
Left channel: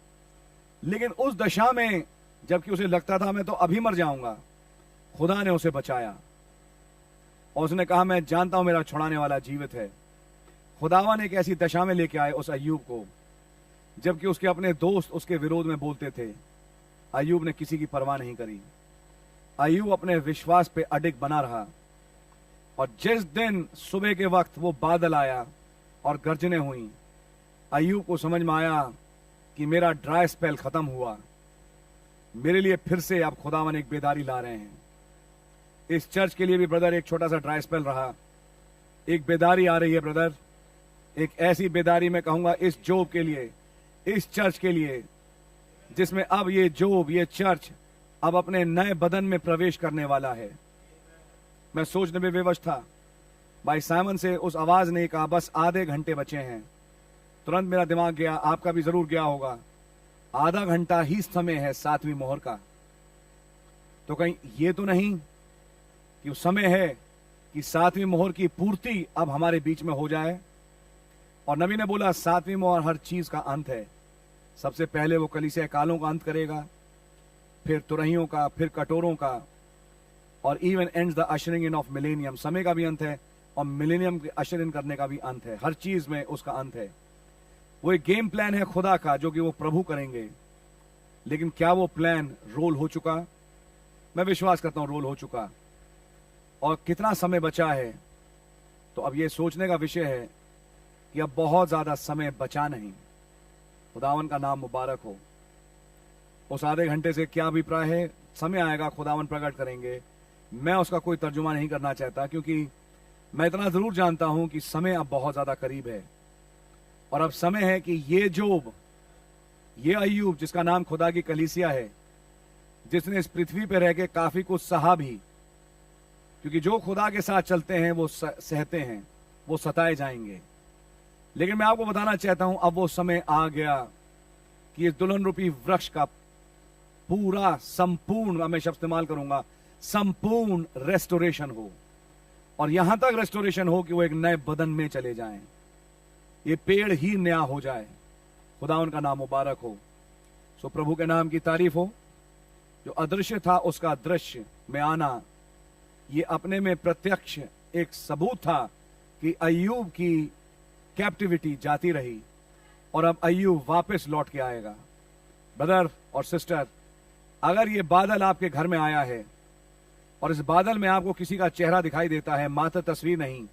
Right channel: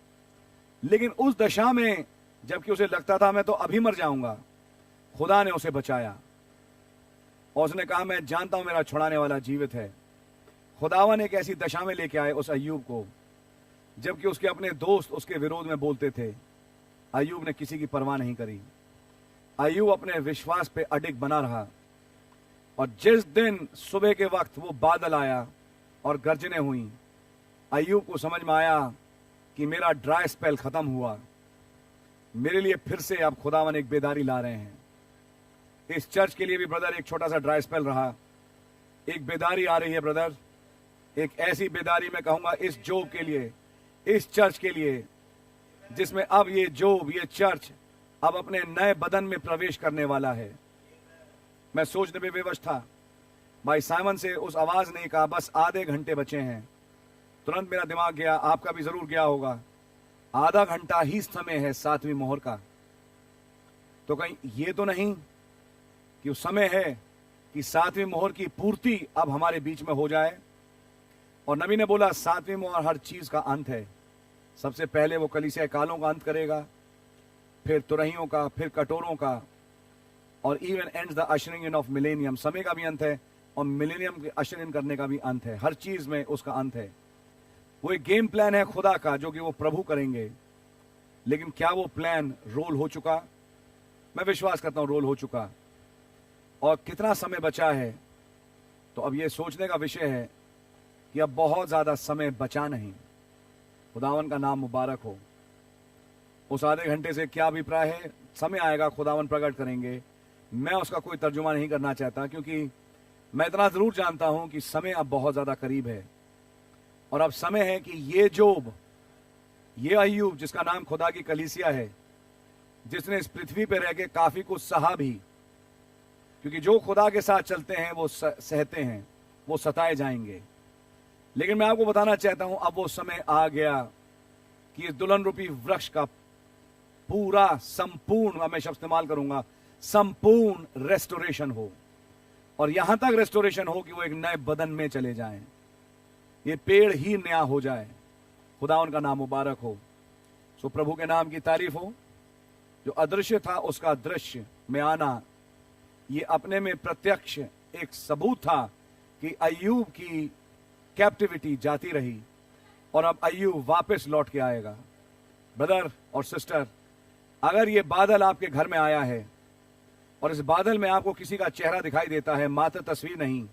लेकिन उस दशा में जबकि उसे लगता था मैं तो अभी मर जाऊंगा, खुदा ने उसे बचाया और उसने कहा मैं जानता हूं मेरा छुड़ाने वाला जीवित है। खुदावन एक ऐसी दशा में लेके आए उस अय्यूब को, जबकि उसके अपने दोस्त उसके विरोध में बोलते थे। अय्यूब ने किसी की परवाह नहीं करी। अय्यूब अपने विश्वास पे अडिग बना रहा। और जिस दिन सुबह के वक्त वो बादल आया और गर्जनें हुई, अय्यूब को समझ में आया कि मेरा ड्राई स्पेल खत्म हुआ, मेरे लिए फिर से अब खुदावन एक बेदारी ला रहे हैं। इस चर्च के लिए भी ब्रदर एक छोटा सा ड्राई स्पेल रहा, एक बेदारी आ रही है ब्रदर। एक ऐसी बेदारी मैं कहूंगा इस जोब के लिए, इस चर्च के लिए, जिसमें अब ये जोब, ये चर्च अब अपने नए बदन में प्रवेश करने वाला है। मैं सोचने में बेवश था, भाई साइमन से उस आवाज ने कहा बस आधे घंटे बचे हैं। तुरंत मेरा दिमाग गया, आपका भी जरूर गया होगा, आधा घंटा ही समय है 7वीं मोहर का। तो कहीं ये तो नहीं कि उस समय है कि 7वीं मोहर की पूर्ति अब हमारे बीच में हो जाए। और नबी ने बोला 7वीं मोहर हर चीज का अंत है। सबसे पहले वो कलीसिया कालों का अंत करेगा, फिर तुरहियों का, फिर कटोरों का, और even ends the ushering in of millennium. समय का भी अंत है और मिलेनियम के अशर इन करने का भी अंत है। हर चीज में उसका अंत है। वो एक गेम प्लान है खुदा का जो कि वो प्रभु करेंगे। लेकिन क्या वो प्लान रोल हो चुका? मैं विश्वास करता हूं रोल हो चुका। और कितना समय बचा है, तो अब ये सोचने का विषय है कि अब बहुत ज्यादा समय बचा नहीं। खुदावन का नाम मुबारक हो। उस आधे घंटे से क्या अभिप्राय है, समय आएगा खुदावन प्रकट करेंगे। मैं उसका कोई तर्जुमा नहीं करना चाहता, क्योंकि मैं इतना जरूर जानता हूं कि समय अब बहुत ज्यादा करीब है। और अब समय है कि ये जोब, ये अय्यूब जिसका नाम खुदा की कलीसिया है, जिसने इस पृथ्वी पर रह के काफी कुछ सहा भी, क्योंकि जो खुदा के साथ चलते हैं वो सहते हैं, वो सताए जाएंगे। लेकिन मैं आपको बताना चाहता हूं अब वो समय आ गया कि इस दुल्हन रूपी वृक्ष का पूरा संपूर्ण, मैं शब्द इस्तेमाल करूंगा, संपूर्ण रेस्टोरेशन हो। और यहां तक रेस्टोरेशन हो कि वो एक नए बदन में चले जाएं, ये पेड़ ही नया हो जाए। खुदा उनका नाम मुबारक हो। सो प्रभु के नाम की तारीफ हो। जो अदृश्य था उसका दृश्य में आना, ये अपने में प्रत्यक्ष एक सबूत था कि अय्यूब की कैप्टिविटी जाती रही और अब अय्यूब वापस लौट के आएगा। ब्रदर और सिस्टर, अगर ये बादल आपके घर में आया है और इस बादल में आपको किसी का चेहरा दिखाई देता है, मात्र तस्वीर नहीं,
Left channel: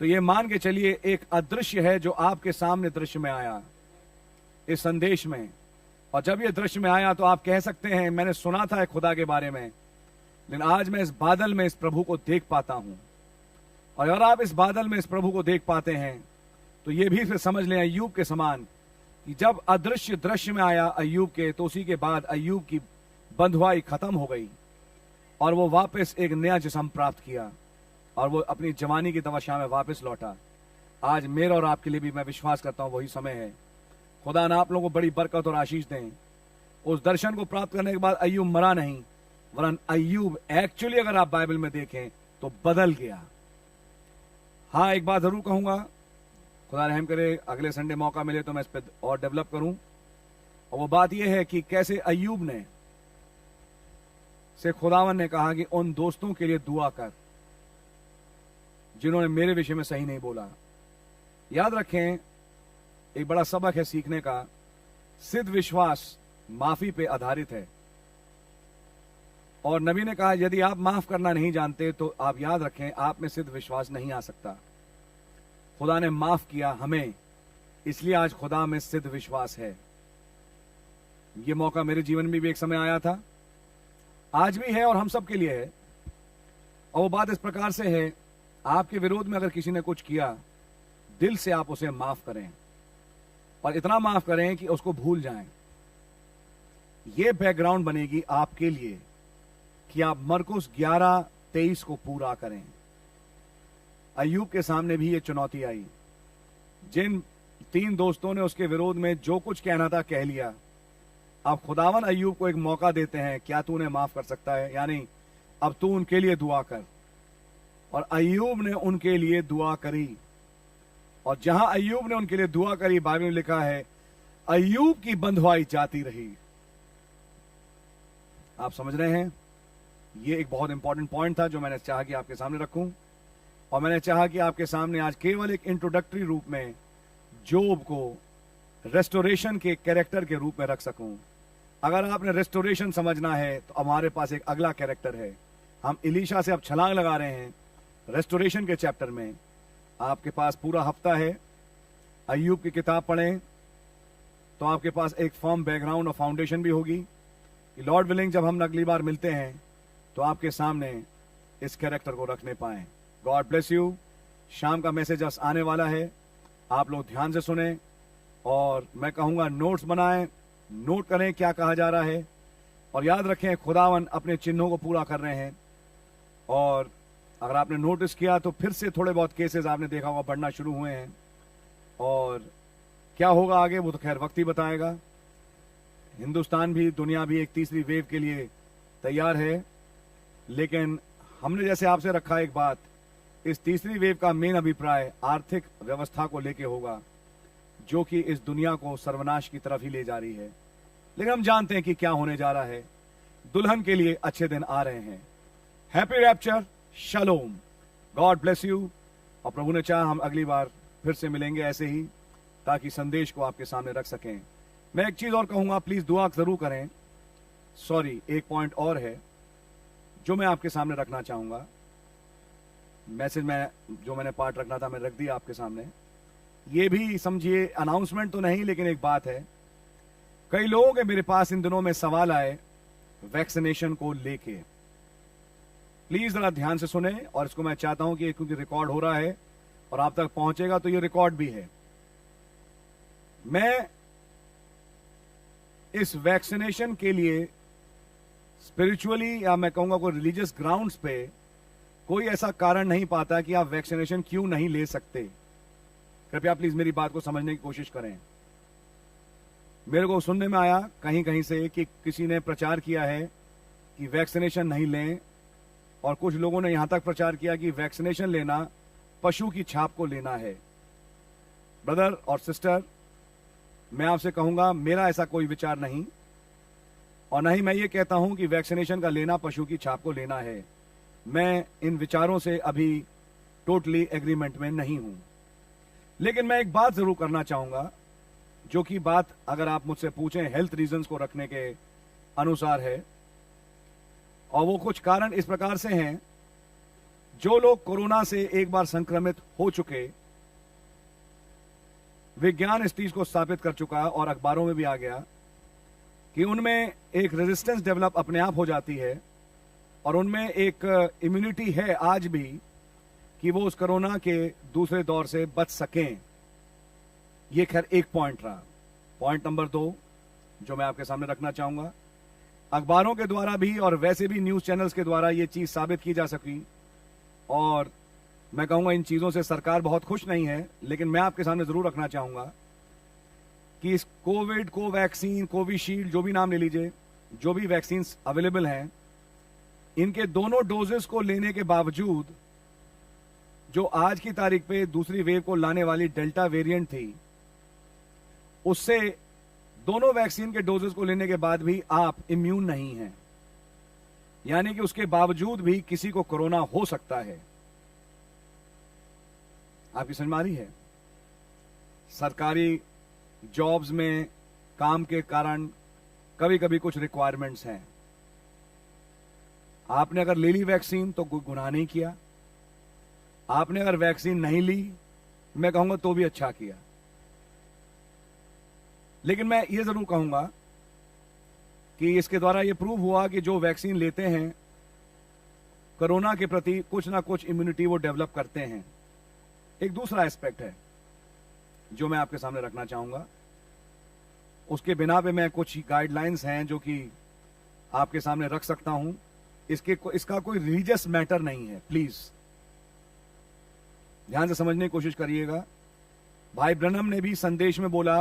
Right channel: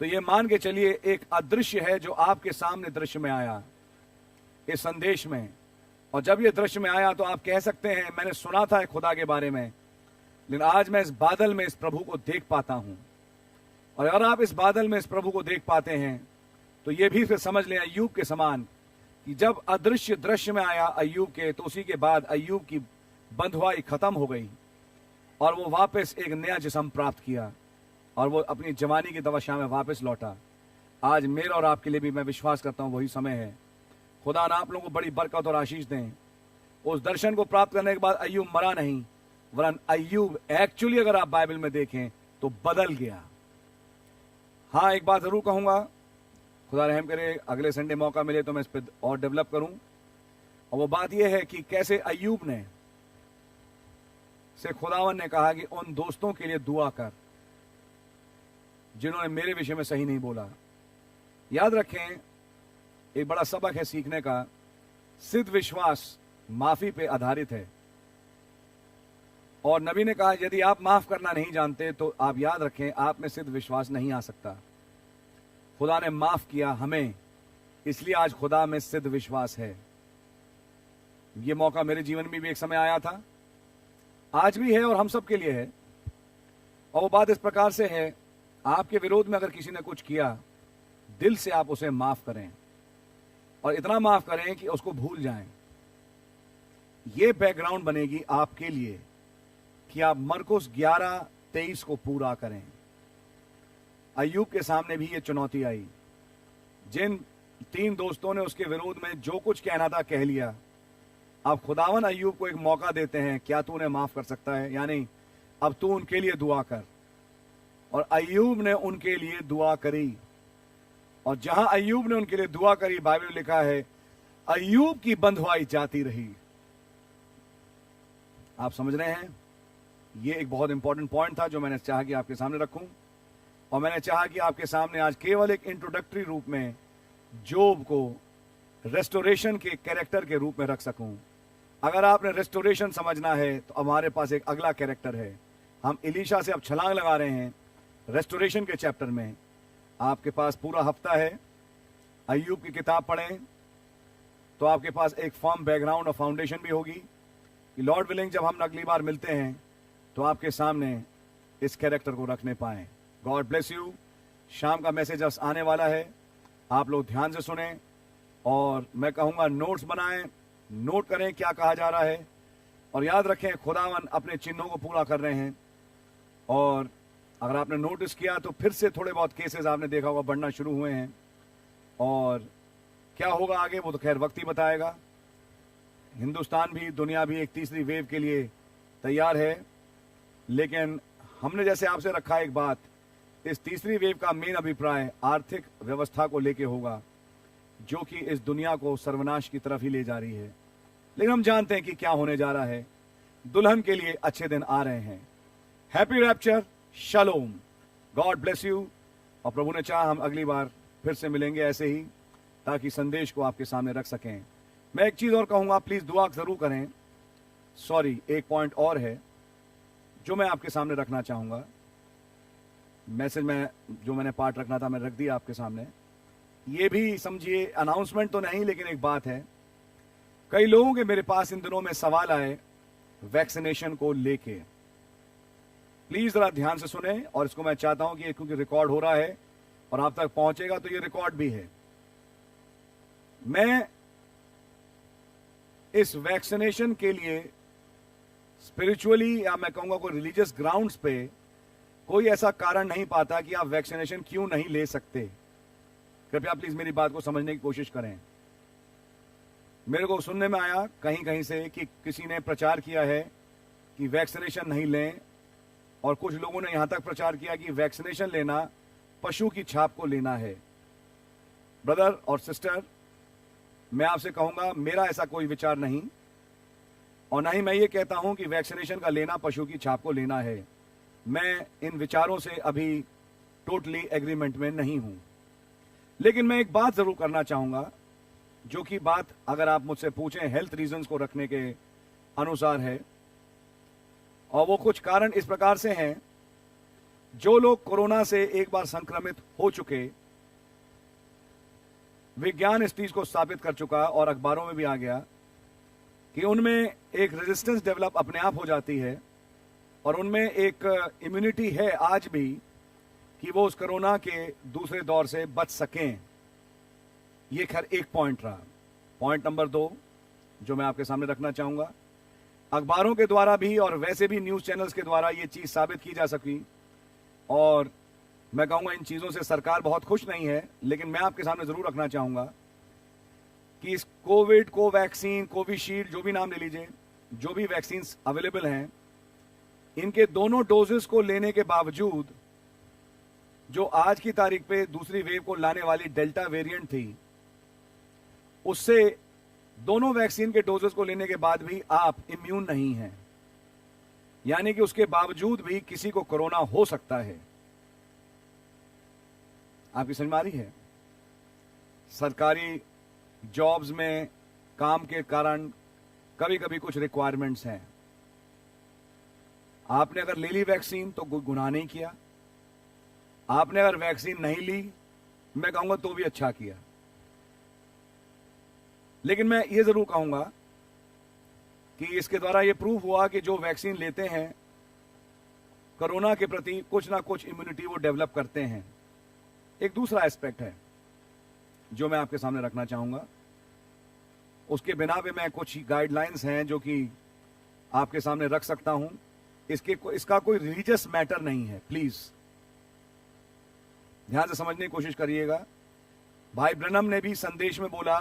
तो ये मान के चलिए एक अदृश्य है जो आपके सामने दृश्य में आया इस संदेश में। और जब ये दृश्य में आया तो आप कह सकते हैं मैंने सुना था खुदा के बारे में, लेकिन आज मैं इस बादल में इस प्रभु को देख पाता हूं। और अगर आप इस बादल में इस प्रभु को देख पाते हैं तो ये भी फिर समझ लें अय्यूब के समान कि जब अदृश्य दृश्य में आया अय्यूब के, तो उसी के बाद अय्यूब की बंधुआई खत्म हो गई और वो वापस एक नया जिस्म प्राप्त किया और वो अपनी जवानी की दवाशा में वापस लौटा। आज मेरा और आपके लिए भी मैं विश्वास करता हूं वही समय है। खुदा ना आप लोगों को बड़ी बरकत और आशीष दें। उस दर्शन को प्राप्त करने के बाद अय्यूब मरा नहीं, वरन अय्यूब एक्चुअली अगर आप बाइबल में देखें तो बदल गया। हाँ, एक बात जरूर कहूंगा, खुदा रहम करे अगले संडे मौका मिले तो मैं इस पर और डेवलप करूं। और वो बात यह है कि कैसे अय्यूब ने से खुदावन ने कहा कि उन दोस्तों के लिए दुआ कर जिन्होंने मेरे विषय में सही नहीं बोला। याद रखें, एक बड़ा सबक है सीखने का, सिद्ध विश्वास माफी पे आधारित है। और नबी ने कहा यदि आप माफ करना नहीं जानते तो आप याद रखें आप में सिद्ध विश्वास नहीं आ सकता। खुदा ने माफ किया हमें, इसलिए आज खुदा में सिद्ध विश्वास है। यह मौका मेरे जीवन में भी एक समय आया था, आज भी है और हम सब के लिए है। और वो बात इस प्रकार से है, आपके विरोध में अगर किसी ने कुछ किया, दिल से आप उसे माफ करें और इतना माफ करें कि उसको भूल जाएं। यह बैकग्राउंड बनेगी आपके लिए कि आप मरकुस 11:23 को पूरा करें। अय्यूब के सामने भी यह चुनौती आई। जिन 3 दोस्तों ने उसके विरोध में जो कुछ कहना था कह लिया, अब खुदावन अय्यूब को एक मौका देते हैं, क्या तू उन्हें माफ कर सकता है? यानी अब तू उनके लिए दुआ कर। और अय्यूब ने उनके लिए दुआ करी। और जहां अय्यूब ने उनके लिए दुआ करी, बाइबल में लिखा है अय्यूब की बंधुआई जाती रही। आप समझ रहे हैं, यह एक बहुत इंपॉर्टेंट पॉइंट था जो मैंने चाहा कि आपके सामने रखूं। और मैंने चाहा कि आपके सामने आज केवल एक इंट्रोडक्टरी रूप में जोब को रेस्टोरेशन के कैरेक्टर के रूप में रख सकूं। अगर आपने रेस्टोरेशन समझना है तो हमारे पास एक अगला कैरेक्टर है। हम इलीशा से अब छलांग लगा रहे हैं रेस्टोरेशन के चैप्टर में। आपके पास पूरा हफ्ता है, अय्यूब की किताब पढ़ें तो आपके पास एक फर्म बैकग्राउंड और फाउंडेशन भी होगी कि लॉर्ड विलिंग जब हम अगली बार मिलते हैं तो आपके सामने इस कैरेक्टर को रखने पाएं। God bless you. शाम का मैसेज अब आने वाला है, आप लोग ध्यान से सुने और मैं कहूँगा नोट्स बनाएं, नोट करें क्या कहा जा रहा है। और याद रखें खुदावन अपने चिन्हों को पूरा कर रहे हैं। और अगर आपने नोटिस किया तो फिर से थोड़े बहुत केसेस आपने देखा होगा बढ़ना शुरू हुए हैं। और क्या होगा आगे वो तो खैर वक्त ही बताएगा। हिंदुस्तान भी, दुनिया भी एक तीसरी वेव के लिए तैयार है। लेकिन हमने जैसे आपसे रखा एक बात, इस तीसरी वेव का मेन अभिप्राय आर्थिक व्यवस्था को लेके होगा जो कि इस दुनिया को सर्वनाश की तरफ ही ले जा रही है। लेकिन हम जानते हैं कि क्या होने जा रहा है। दुल्हन के लिए अच्छे दिन आ रहे हैं। Happy rapture, shalom, God bless you. और प्रभु ने चाहा हम अगली बार फिर से मिलेंगे ऐसे ही, ताकि संदेश को आपके सामने रख सकें। मैं एक चीज और कहूंगा, प्लीज दुआ जरूर करें। सॉरी, एक पॉइंट और है जो मैं आपके सामने रखना चाहूंगा। मैसेज में जो मैंने पार्ट रखना था मैं रख दिया आपके सामने। ये भी समझिए अनाउंसमेंट तो नहीं, लेकिन एक बात है। कई लोगों के मेरे पास इन दिनों में सवाल आए वैक्सीनेशन को लेके। प्लीज जरा ध्यान से सुने और इसको मैं चाहता हूं कि क्योंकि रिकॉर्ड हो रहा है और आप तक पहुंचेगा तो ये रिकॉर्ड भी है। मैं इस वैक्सीनेशन के लिए स्पिरिचुअली या मैं कहूंगा कोई रिलीजियस ग्राउंड्स पे कोई ऐसा कारण नहीं पाता कि आप वैक्सीनेशन क्यों नहीं ले सकते। कृपया प्लीज मेरी बात को समझने की कोशिश करें। मेरे को सुनने में आया कहीं कहीं से कि किसी ने प्रचार किया है कि वैक्सीनेशन नहीं लें, और कुछ लोगों ने यहां तक प्रचार किया कि वैक्सीनेशन लेना पशु की छाप को लेना है। ब्रदर और सिस्टर, मैं आपसे कहूंगा मेरा ऐसा कोई विचार नहीं, और ना ही मैं ये कहता हूं कि वैक्सीनेशन का लेना पशु की छाप को लेना है। मैं इन विचारों से अभी टोटली एग्रीमेंट में नहीं हूं। लेकिन मैं एक बात जरूर करना चाहूंगा, जो कि बात अगर आप मुझसे पूछें हेल्थ रीजंस को रखने के अनुसार है, और वो कुछ कारण इस प्रकार से हैं। जो लोग कोरोना से एक बार संक्रमित हो चुके, विज्ञान इस चीज को स्थापित कर चुका और अखबारों में भी आ गया कि उनमें एक रेजिस्टेंस डेवलप अपने आप हो जाती है और उनमें एक इम्यूनिटी है आज भी कि वो उस कोरोना के दूसरे दौर से बच सकें। ये खैर एक पॉइंट रहा। पॉइंट नंबर 2 जो मैं आपके सामने रखना चाहूंगा, अखबारों के द्वारा भी और वैसे भी न्यूज चैनल्स के द्वारा ये चीज साबित की जा सकी और मैं कहूंगा इन चीजों से सरकार बहुत खुश नहीं है, लेकिन मैं आपके सामने जरूर रखना चाहूंगा कि इस कोविड को वैक्सीन, कोविशील्ड, जो भी नाम ले लीजिए, जो भी वैक्सीन अवेलेबल हैं, इनके दोनों डोजेस को लेने के बावजूद जो आज की तारीख पे दूसरी वेव को लाने वाली डेल्टा वेरिएंट थी, उससे दोनों वैक्सीन के डोजेस को लेने के बाद भी आप इम्यून नहीं हैं। यानी कि उसके बावजूद भी किसी को कोरोना हो सकता है। आपकी समझ में आ रही है? सरकारी जॉब्स में काम के कारण कभी कभी कुछ रिक्वायरमेंट्स हैं। आपने अगर ले ली वैक्सीन तो कोई गुनाह नहीं किया, आपने अगर वैक्सीन नहीं ली, मैं कहूंगा तो भी अच्छा किया। लेकिन मैं ये जरूर कहूंगा कि इसके द्वारा ये प्रूव हुआ कि जो वैक्सीन लेते हैं कोरोना के प्रति कुछ ना कुछ इम्यूनिटी वो डेवलप करते हैं। एक दूसरा एस्पेक्ट है जो मैं आपके सामने रखना चाहूंगा, उसके बिना पे मैं कुछ गाइडलाइंस हैं जो कि आपके सामने रख सकता हूं। इसका कोई रिलीजियस मैटर नहीं है, प्लीज ध्यान से समझने की कोशिश करिएगा। भाई ब्रनम ने भी संदेश में बोला,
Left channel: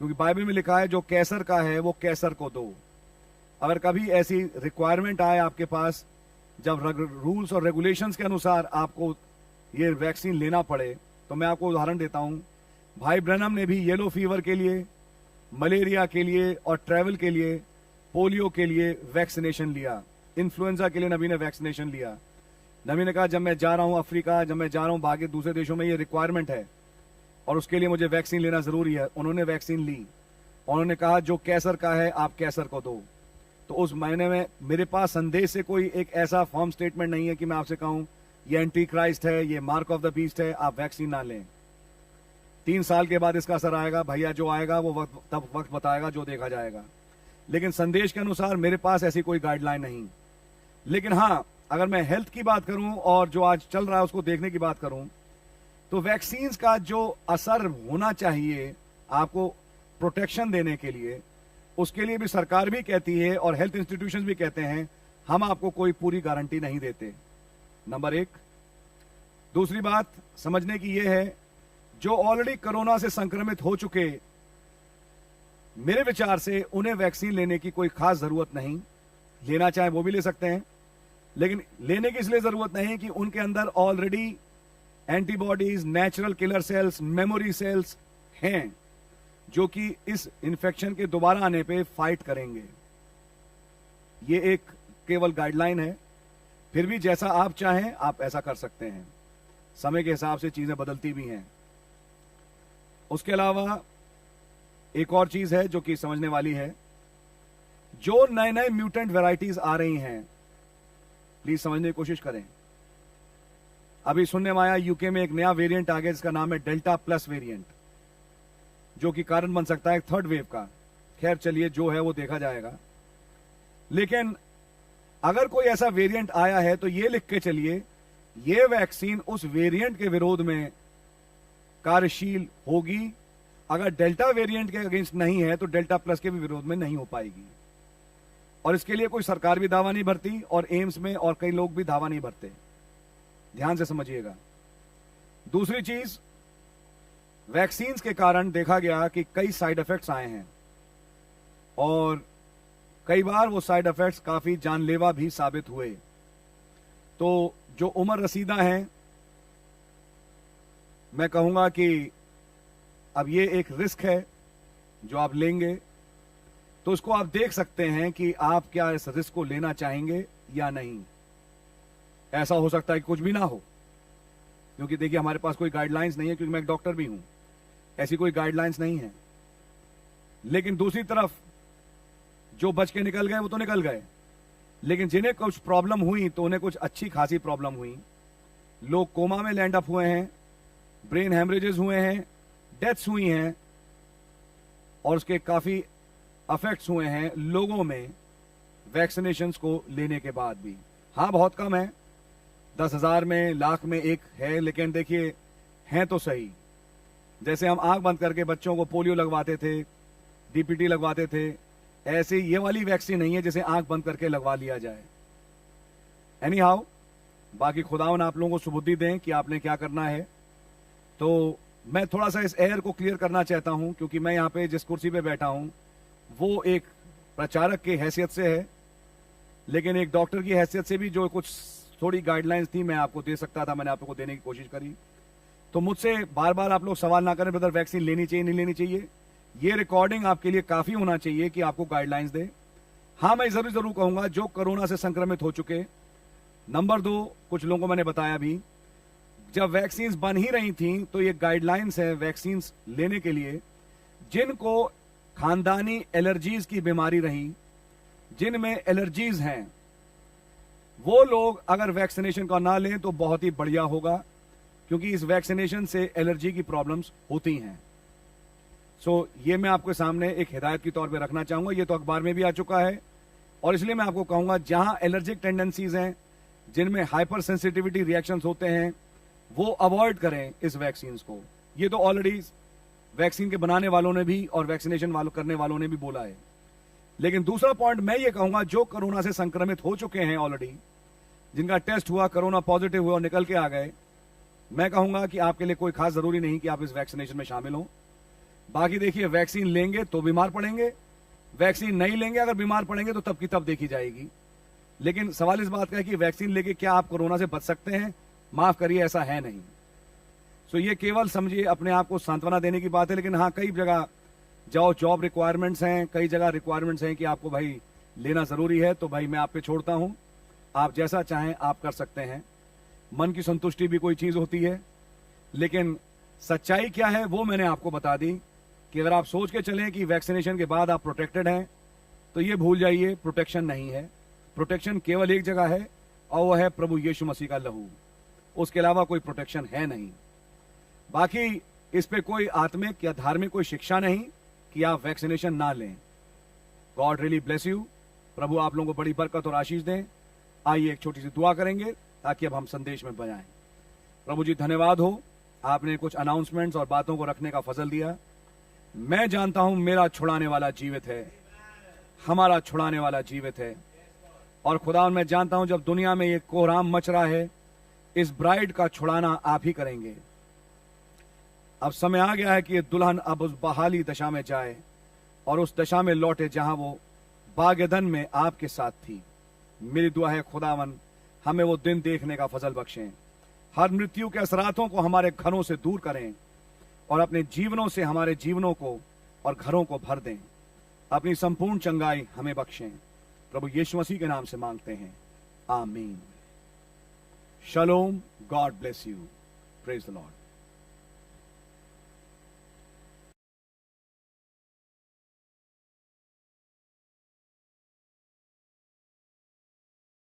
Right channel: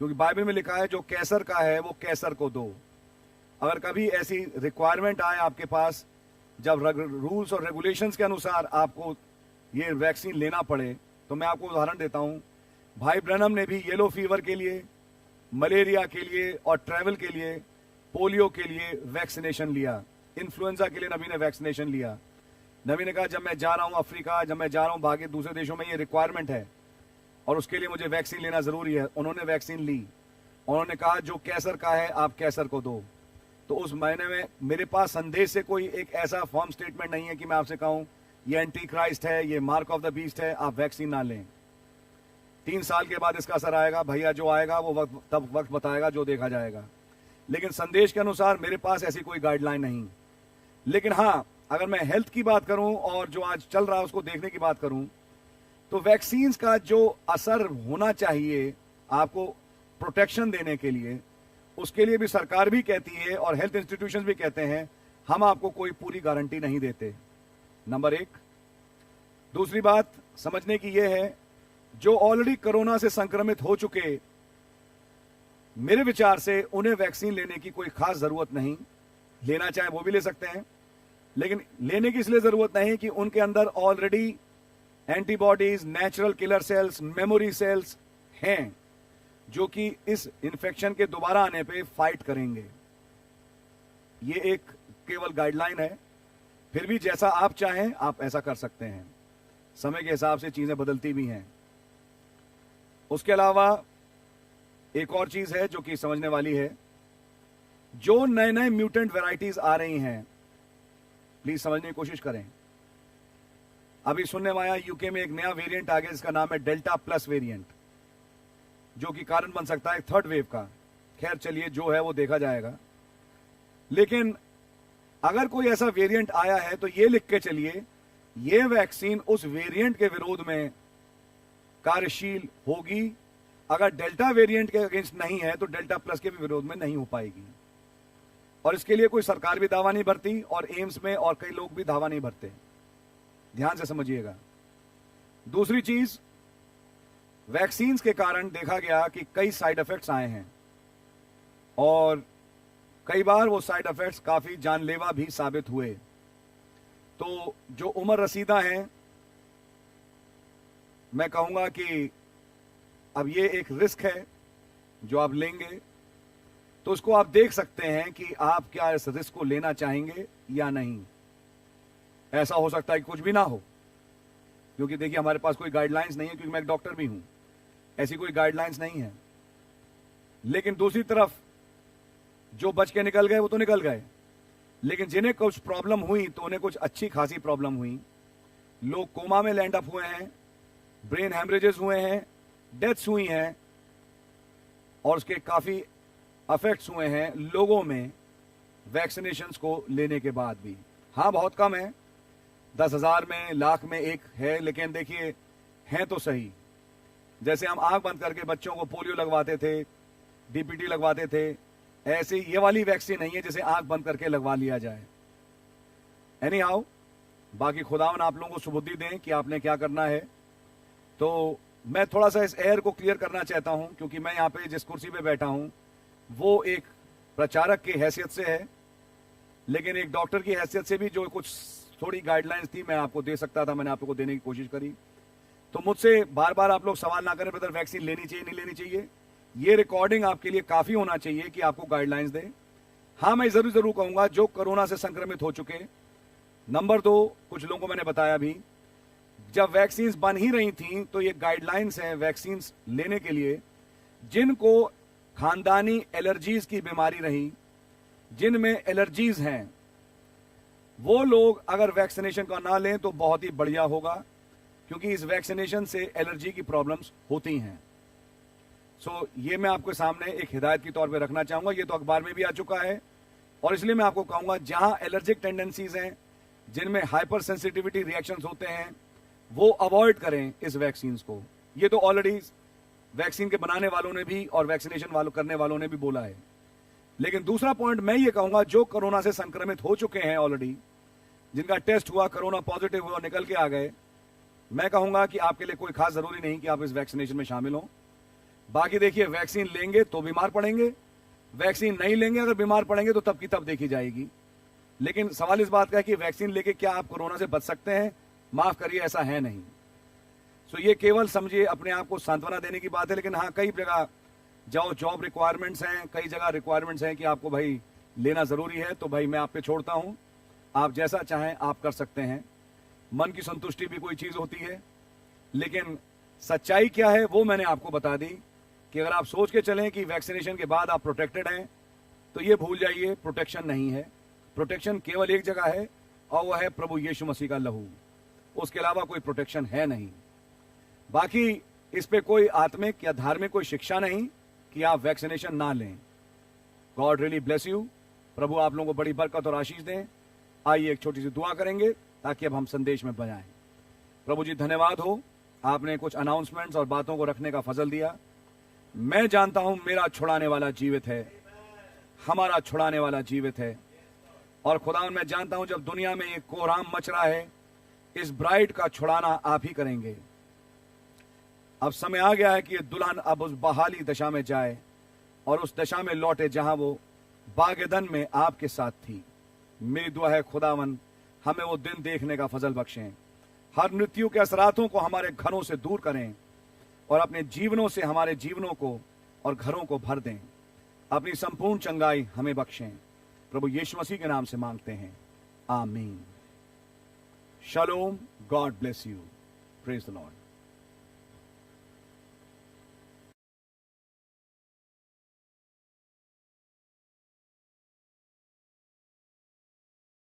क्योंकि बाइबल में लिखा है जो कैसर का है वो कैसर को दो। अगर कभी ऐसी रिक्वायरमेंट आए आपके पास, जब रूल्स और रेगुलेशंस के अनुसार आपको ये वैक्सीन लेना पड़े, तो मैं आपको उदाहरण देता हूं। भाई ब्रनम ने भी येलो फीवर के लिए, मलेरिया के लिए और ट्रैवल के लिए, पोलियो के लिए वैक्सीनेशन लिया। इन्फ्लुएंजा के लिए नबी ने वैक्सीनेशन लिया। नबी ने कहा जब मैं जा रहा हूं अफ्रीका, जब मैं जा रहा हूं बाकी दूसरे देशों में, ये रिक्वायरमेंट है और उसके लिए मुझे वैक्सीन लेना जरूरी है। उन्होंने वैक्सीन ली, उन्होंने कहा जो कैसर का है आप कैसर को दो। तो उस महीने में मेरे पास संदेश से कोई एक ऐसा फॉर्म स्टेटमेंट नहीं है कि मैं आपसे कहूं ये एंटी क्राइस्ट है, ये मार्क ऑफ द बीस्ट है, आप वैक्सीन ना लें। 3 साल के बाद इसका असर आएगा भैया, जो आएगा वो तब वक्त बताएगा, जो देखा जाएगा। लेकिन संदेश के अनुसार मेरे पास ऐसी कोई गाइडलाइन नहीं। लेकिन हाँ, अगर मैं हेल्थ की बात करूं और जो आज चल रहा है उसको देखने की बात करूं, तो वैक्सीन्स का जो असर होना चाहिए आपको प्रोटेक्शन देने के लिए, उसके लिए भी सरकार भी कहती है और हेल्थ इंस्टीट्यूशंस भी कहते हैं हम आपको कोई पूरी गारंटी नहीं देते, नंबर 1। दूसरी बात समझने की यह है, जो ऑलरेडी कोरोना से संक्रमित हो चुके, मेरे विचार से उन्हें वैक्सीन लेने की कोई खास जरूरत नहीं। लेना चाहे वो भी ले सकते हैं, लेकिन लेने की इसलिए जरूरत नहीं कि उनके अंदर already antibodies, natural killer cells, memory cells हैं जो कि इस इंफेक्शन के दोबारा आने पे फाइट करेंगे। ये एक केवल गाइडलाइन है, फिर भी जैसा आप चाहें आप ऐसा कर सकते हैं। समय के हिसाब से चीजें बदलती भी हैं। उसके अलावा एक और चीज है जो कि समझने वाली है, जो नए नए म्यूटेंट वैरायटीज आ रही हैं, प्लीज समझने की कोशिश करें। अभी सुनने में आया यूके में एक नया वेरिएंट आ गया जिसका नाम है डेल्टा प्लस वेरिएंट, जो कि कारण बन सकता है थर्ड वेव का। खैर चलिए, जो है वो देखा जाएगा। लेकिन अगर कोई ऐसा वेरिएंट आया है तो ये लिख के चलिए, ये वैक्सीन उस वेरिएंट के विरोध में कार्यशील होगी। अगर डेल्टा वेरिएंट के अगेंस्ट नहीं है तो डेल्टा प्लस के भी विरोध में नहीं हो पाएगी। और इसके लिए कोई सरकार भी दावा नहीं भरती और एम्स में और कई लोग भी दावा नहीं भरते। ध्यान से समझिएगा। दूसरी चीज, वैक्सीन्स के कारण देखा गया कि कई साइड इफेक्ट्स आए हैं और कई बार वो साइड इफेक्ट्स काफी जानलेवा भी साबित हुए। तो जो उम्र रसीदा हैं, मैं कहूंगा कि अब ये एक रिस्क है जो आप लेंगे, तो उसको आप देख सकते हैं कि आप क्या इस रिस्क को लेना चाहेंगे या नहीं। ऐसा हो सकता है कि कुछ भी ना हो, क्योंकि देखिए हमारे पास कोई गाइडलाइंस नहीं है, क्योंकि मैं एक डॉक्टर भी हूं, ऐसी कोई गाइडलाइंस नहीं है। लेकिन दूसरी तरफ जो बच के निकल गए वो तो निकल गए, लेकिन जिन्हें कुछ प्रॉब्लम हुई तो उन्हें कुछ अच्छी खासी प्रॉब्लम हुई। लोग कोमा में लैंड अप हुए हैं, ब्रेन हेमरेजेस हुए हैं, डेथ्स हुई हैं और उसके काफ़ी अफेक्ट्स हुए हैं लोगों में वैक्सीनेशंस को लेने के बाद भी। हाँ, बहुत कम है, 10,000 में, लाख में एक है, लेकिन देखिए हैं तो सही। जैसे हम आंख बंद करके बच्चों को पोलियो लगवाते थे, डीपीटी लगवाते थे, ऐसे ये वाली वैक्सीन नहीं है जिसे आंख बंद करके लगवा लिया जाए। एनी हाउ, बाकी खुदावन आप लोगों को सुबुद्धि दें कि आपने क्या करना है। तो मैं थोड़ा सा इस एयर को क्लियर करना चाहता हूं, क्योंकि मैं यहाँ पे जिस कुर्सी पे बैठा हूं वो एक प्रचारक की हैसियत से है, लेकिन एक डॉक्टर की हैसियत से भी जो कुछ थोड़ी गाइडलाइंस थी मैं आपको दे सकता था, मैंने आप लोगों को देने की कोशिश करी। तो मुझसे बार बार आप लोग सवाल ना करें ब्रदर वैक्सीन लेनी चाहिए नहीं लेनी चाहिए। ये रिकॉर्डिंग आपके लिए काफ़ी होना चाहिए कि आपको गाइडलाइंस दे। हाँ, मैं जरूर कहूँगा जो कोरोना से संक्रमित हो चुके, नंबर 2, कुछ लोगों को मैंने बताया भी, जब वैक्सीन्स बन ही रही थी तो ये गाइडलाइंस है वैक्सीन्स लेने के लिए जिनको खानदानी एलर्जीज की बीमारी रही, जिनमें एलर्जीज हैं, वो लोग अगर वैक्सीनेशन का ना लें तो बहुत ही बढ़िया होगा, क्योंकि इस वैक्सीनेशन से एलर्जी की प्रॉब्लम्स होती हैं। सो ये मैं आपके सामने एक हिदायत की तौर पे रखना चाहूँगा। ये तो अखबार में भी आ चुका है और इसलिए मैं आपको कहूँगा जहाँ एलर्जिक टेंडेंसीज हैं, जिनमें हाइपर सेंसिटिविटी रिएक्शंस होते हैं, वो अवॉइड करें इस वैक्सीन्स को। ये तो ऑलरेडी वैक्सीन के बनाने वालों ने भी और वैक्सीनेशन करने वालों ने भी बोला है। लेकिन दूसरा पॉइंट मैं ये कहूँगा, जो कोरोना से संक्रमित हो चुके हैं ऑलरेडी, जिनका टेस्ट हुआ, कोरोना पॉजिटिव हुआ और निकल के आ गए, मैं कहूँगा कि आपके लिए कोई खास ज़रूरी नहीं कि आप इस वैक्सीनेशन में शामिल हों। बाकी देखिए, वैक्सीन लेंगे तो बीमार पड़ेंगे, वैक्सीन नहीं लेंगे अगर बीमार पड़ेंगे तो तब की तब देखी जाएगी। लेकिन सवाल इस बात का है कि वैक्सीन लेके क्या आप कोरोना से बच सकते हैं? माफ़ करिए, ऐसा है नहीं। सो ये केवल समझिए अपने आप को सांत्वना देने की बात है। लेकिन हाँ, कई जगह जाओ, जॉब रिक्वायरमेंट्स हैं, कई जगह रिक्वायरमेंट्स हैं कि आपको भाई लेना ज़रूरी है, तो भाई मैं आप पे छोड़ता हूँ, आप जैसा चाहें आप कर सकते हैं। मन की संतुष्टि भी कोई चीज़ होती है, लेकिन सच्चाई क्या है वो मैंने आपको बता दी कि अगर आप सोच के चलें कि वैक्सीनेशन के बाद आप प्रोटेक्टेड हैं, तो ये भूल जाइए, प्रोटेक्शन नहीं है। प्रोटेक्शन केवल एक जगह है और वह है प्रभु यीशु मसीह का लहू। उसके अलावा कोई प्रोटेक्शन है नहीं। बाकी इस पे कोई आत्मिक या धार्मिक कोई शिक्षा नहीं कि आप वैक्सीनेशन ना लें। God really bless you. प्रभु आप लोगों को बड़ी बरकत और आशीष दें। आइए एक छोटी सी दुआ करेंगे ताकि अब हम संदेश में बजाएं। प्रभु जी, धन्यवाद हो, आपने कुछ अनाउंसमेंट्स और बातों को रखने का फजल दिया। मैं जानता हूं मेरा छुड़ाने वाला जीवित है, हमारा छुड़ाने वाला जीवित है। और खुदा, मैं जानता हूं जब दुनिया में ये कोहराम मच रहा है, इस ब्राइड का छुड़ाना आप ही करेंगे। अब समय आ गया है कि ये दुल्हन अब उस बहाली दशा में जाए और उस दशा में लौटे जहां वो बागेदन में आपके साथ थी। मेरी दुआ है खुदावन, हमें वो दिन देखने का फजल बख्शें। हर मृत्यु के असरातों को हमारे घरों से दूर करें और अपने जीवनों से हमारे जीवनों को और घरों को भर दें। अपनी संपूर्ण चंगाई हमें बख्शें। प्रभु यीशु मसीह के नाम से मांगते हैं, आमीन। शलोम। God bless you. Praise the Lord.